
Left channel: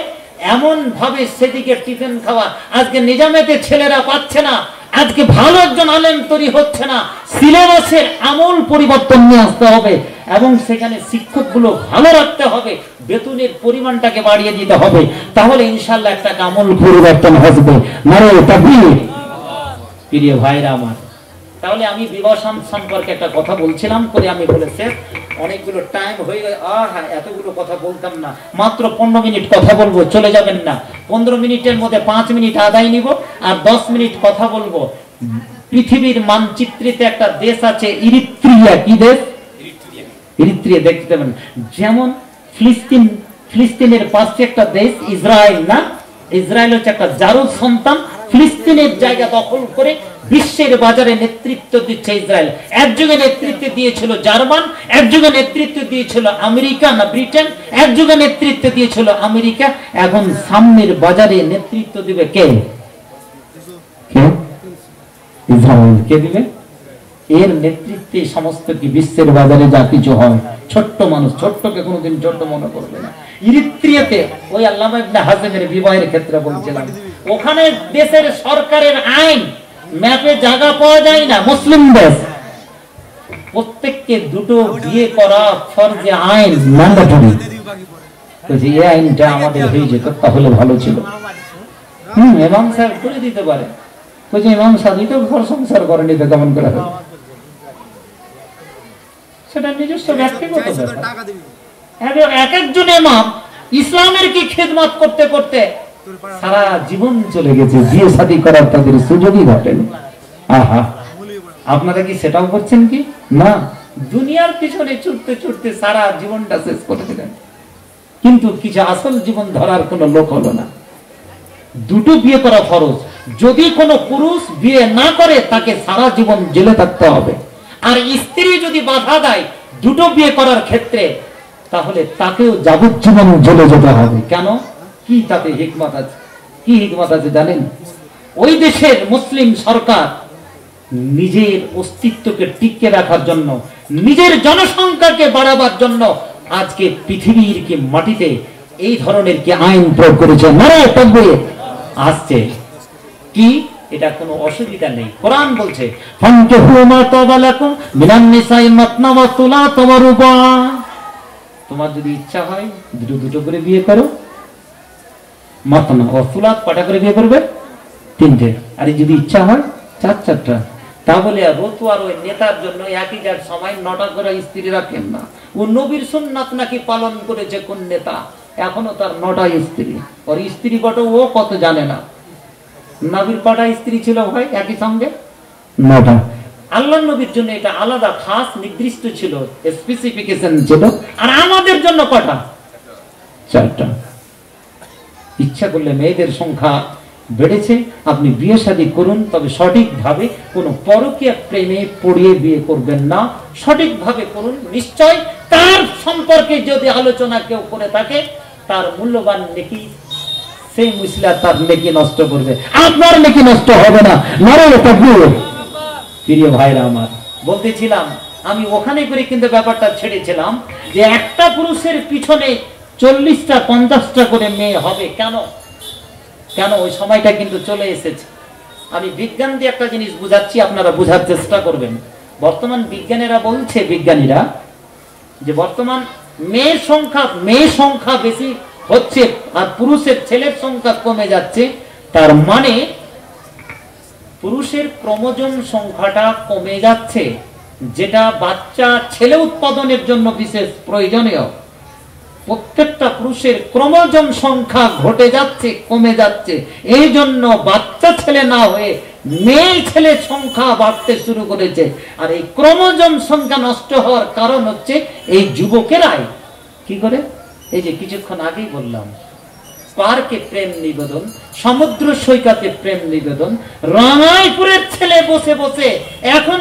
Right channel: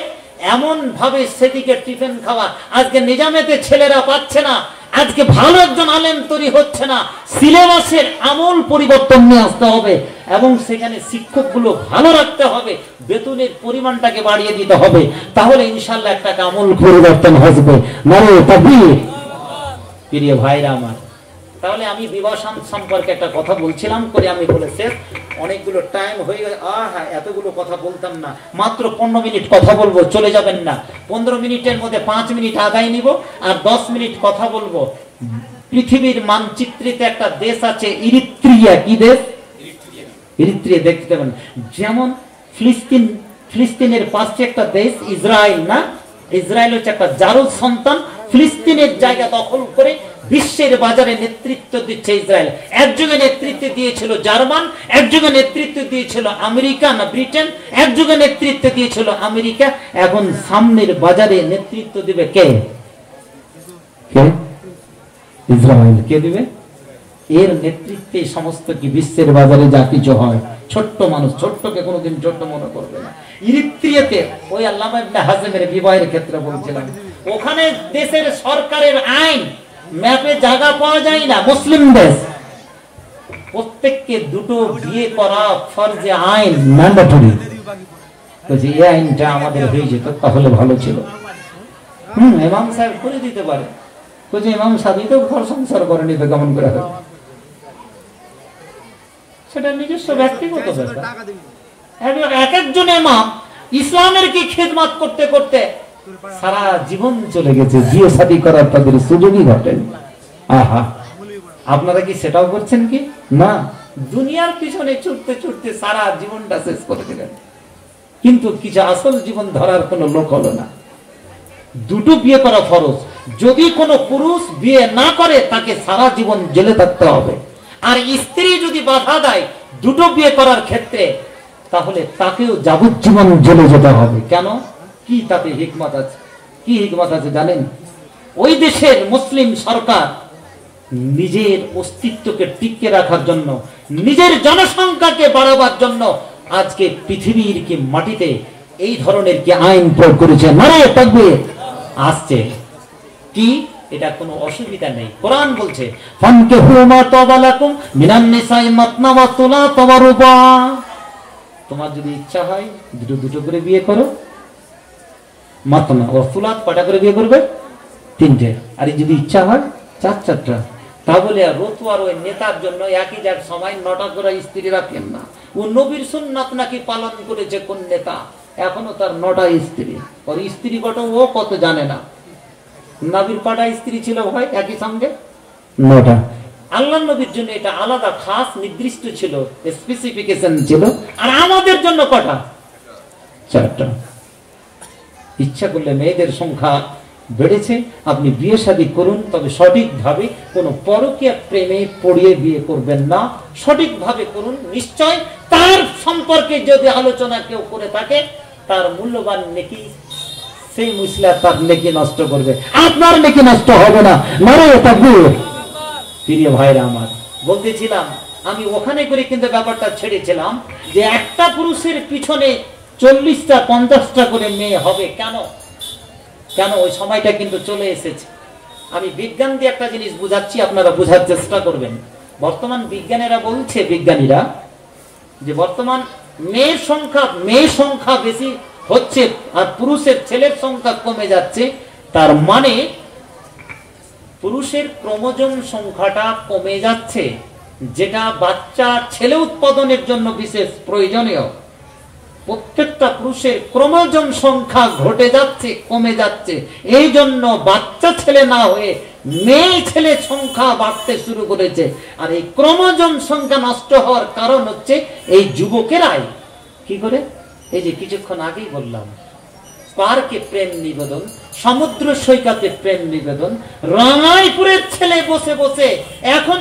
এমন ভাবে সেদিকে টিফিন খাওয়া, আজকে নিজামিয়াতে ছেলেরা পাচ্ছে না, আজকে ভালো একজন আলেম তৈরি হচ্ছে না। সিলেবাসের আমূল পরিবর্তন নিয়ে আসতে হবে এবং সেখানে শিক্ষকগুলো ভালো রাখতে হবে, বেতনের পরিমাণটাকে বাড়িয়ে দিতে হবে, তাহলে ইনশাআল্লাহ একটা আমূল পরিবর্তন আসবে। নারে তাকবীর। প্রিয় ভাইরা আমার, তাহলে আমি বিবাহ সম্পর্কে একটা কথা বলছিলাম করে আমি বলেছি অনেকগুলো টাইম হয়ে গেছে। হ্যাঁ, এতগুলো কথা বলতাম না, মাত্র 15 মিনিট কথা বলবো, চলে যাবেন না। 15 মিনিটের মধ্যে 5 মিনিট আদায় নিব আর 10 মিনিট কথা বলবো। পৃথিবীর মানচিত্রেতে একটা দেশ আছে ইরিত্রিয়া। কি দেশ? ইরিত্রিয়া। দেখতে পাবেন যেমন ফিলিস্তিনের পাশে একটা দেশ ইসরায়েল, না? ইসরায়েল হচ্ছে একটা জারজ সন্তান, ফিলিস্তিনের জায়গা দখল করে বিশ্বের বাজারে নেতৃত্ব দিচ্ছে ইসরায়েল। এক যুগে নেতৃত্ব দিয়েছিল জার্মান, এক যুগে নেতৃত্ব দিয়েছিল আমেরিকা না ব্রিটেন, এক যুগে নেতৃত্ব দিয়েছিল আমেরিকা। এখন সামনের বাজারে নেতৃত্ব দিবে কে? ইসরায়েল। কে দিবে? এর নেতৃত্বে সমস্ত কি বিশ্বের বাজারে যা কিছু হয়। ছোট্ট মানুষ, ছোট্টকে কোনোদিন ছোট্ট মনে করবে না। ইরিত্রিয়াতে ওই আল্লামা ইবনে হাজেমের বিবাহের ক্ষেত্রে বলছিলাম, ওখানে দেশের সরকারের আইন ম্যাপে জায়গা পাওয়া যায় না, মুসলিম দেশ, প্রত্যেককে দুটো বিয়ে করা ফরজে আইন, ম্যান্ডেটরি। এই আইনটা আমাদের হয়ে যেত তাহলে ভালো ছিল। ইমাম সাহেব করে দিতে পারে। ইমাম সাহেব তো ঘর সংসার করেনি, তো কেমন করে হবে? সেটা নিজস্ব ব্যক্তিগত ব্যাপার। এক একজন ইমাম ইসলামের কি খেদমত করতে করতে সারা জীবন চলে গেছে, বিয়ে শাদী করার তাদের সুযোগই ঘটেনি। আহা, আপনারা কি সেটাও করছেন কি না? দুনিয়ার পিছনে ছুটতে ছুটতে সারা জীবনটা শেষ করে দিলেন, কিন্তু কিছু আসল জীবন ধরার কোন লোক হলো না। দুটো বিয়ে করা ফরজ। যদি কোনো পুরুষ বিয়ে না করে তাকে সারা জীবন জেলে থাকতে হবে। আর স্ত্রী যদি বাধা দেয় দুটো বিয়ে করার ক্ষেত্রে, তাহলে তাকেও যাবজ্জীবন জেলে যেতে হবে। কেন? কি তাতে হিকমত আছে? কি হিকমত আছে জানেন? ওই দেশের মুসলিম সরকার নিজের অস্তিত্বকে টিকিয়ে রাখার জন্য, নিজের জনসংখ্যাকে বাড়াবার জন্য আজকে পৃথিবীর কি মাটিতে এই ধরনের কি আইন প্রয়োগ করেছে। নারায়ে তাকবীর। আসছে কি, এটা কোনো অসুবিধা নেই। কোরআন বলছে ফানকিহু মা তাবা লাকুম মিনান নিসাই মাতনা ওয়া সুলাতা ওয়া রুবা। তোমার যদি ইচ্ছা হয় দুটো দুটো করে বিয়ে করো, মাতনা ও সুলাত কটা করে বিয়ে করবে? 3টে। আর যদি ইচ্ছা হয় 4-4টা। তাহলে আর রতুয়ার ওই নেতার জন্য একই যার সময় 9টা করে স্ত্রী রাখেন না। ও নবীর সুন্নাত নাকি পালন করেছে কোন নেতা, এখনো তার 9টা স্ত্রী। ওর স্ত্রী কত ও কত জানে না। নবীর কটা স্ত্রী ছিল ভাই একই সঙ্গে? 9টা। আল্লাহ নবীর জন্য এটা আলাদা খাস নির্দিষ্ট ছিল, স্পেসিফিকেশন ছিল। আর আমাদের জন্য কটা? 4টা। ইচ্ছা করলে মেয়েদের সংখ্যা বেড়েছে, আপনি বিয়ে শাদী করুন, তবে সঠিকভাবে কোনো পরকীয়া প্রেমে পড়িয়ে বিয়ে করবেন না, সঠিকভাবে করুন। নিশ্চয় তার সম্পর্কে যদি আলোচনা কেউ করে থাকে, তার মূল্যবান নেকি সেই মুসলিম তার নেকি নষ্ট করবে, আপনার নেকি নষ্ট হবে না। নারায়ে তাকবীর। প্রিয় ভাইরা আমার, বলতেছিলাম আমি ওখানে করে কিন্তু ব্যাপারটা ছেড়েছিলাম যে একটা পুরুষের পিছনে 40টা 50টা করে মেয়ে হবে। কেন? কেন? ওই সময়টা কিন্তু চলে এসেছে। আমি বিজ্ঞান দিয়ে একটা জিনিস বুঝাচ্ছি, আপনারা বোঝার চেষ্টা করবেন। বর্তমান বিজ্ঞানীরা বলছে, বিজ্ঞানীরা যে বর্তমান মেয়ে সংখ্যা বেশি হচ্ছে আর পুরুষের ছেলের সংখ্যা কমে যাচ্ছে। তার মানে পুরুষের ক্রোমোজোম সংখ্যাটা কমে যাচ্ছে, যেটা বাচ্চা ছেলে উৎপাদনের জন্য বিশেষ প্রয়োজনীয়। প্রত্যেকটা পুরুষের ক্রোমোজোম সংখ্যা ঘটে যাচ্ছে, কমে যাচ্ছে। এই জন্য বাচ্চা ছেলে না হয়ে মেয়ে ছেলে সংখ্যা বাড়তে শুরু করেছে। আর এই ক্রোমোজোম সংখ্যা নষ্ট হওয়ার কারণ হচ্ছে এই যুবকেরাই কি করে, এই যে কিছুক্ষণ আগেই বললাম, পার্কে প্রেম নিবেদন, সমুদ্র সৈকতে প্রেম নিবেদন, রামাইপুরের ছেলে বসে বসে এখন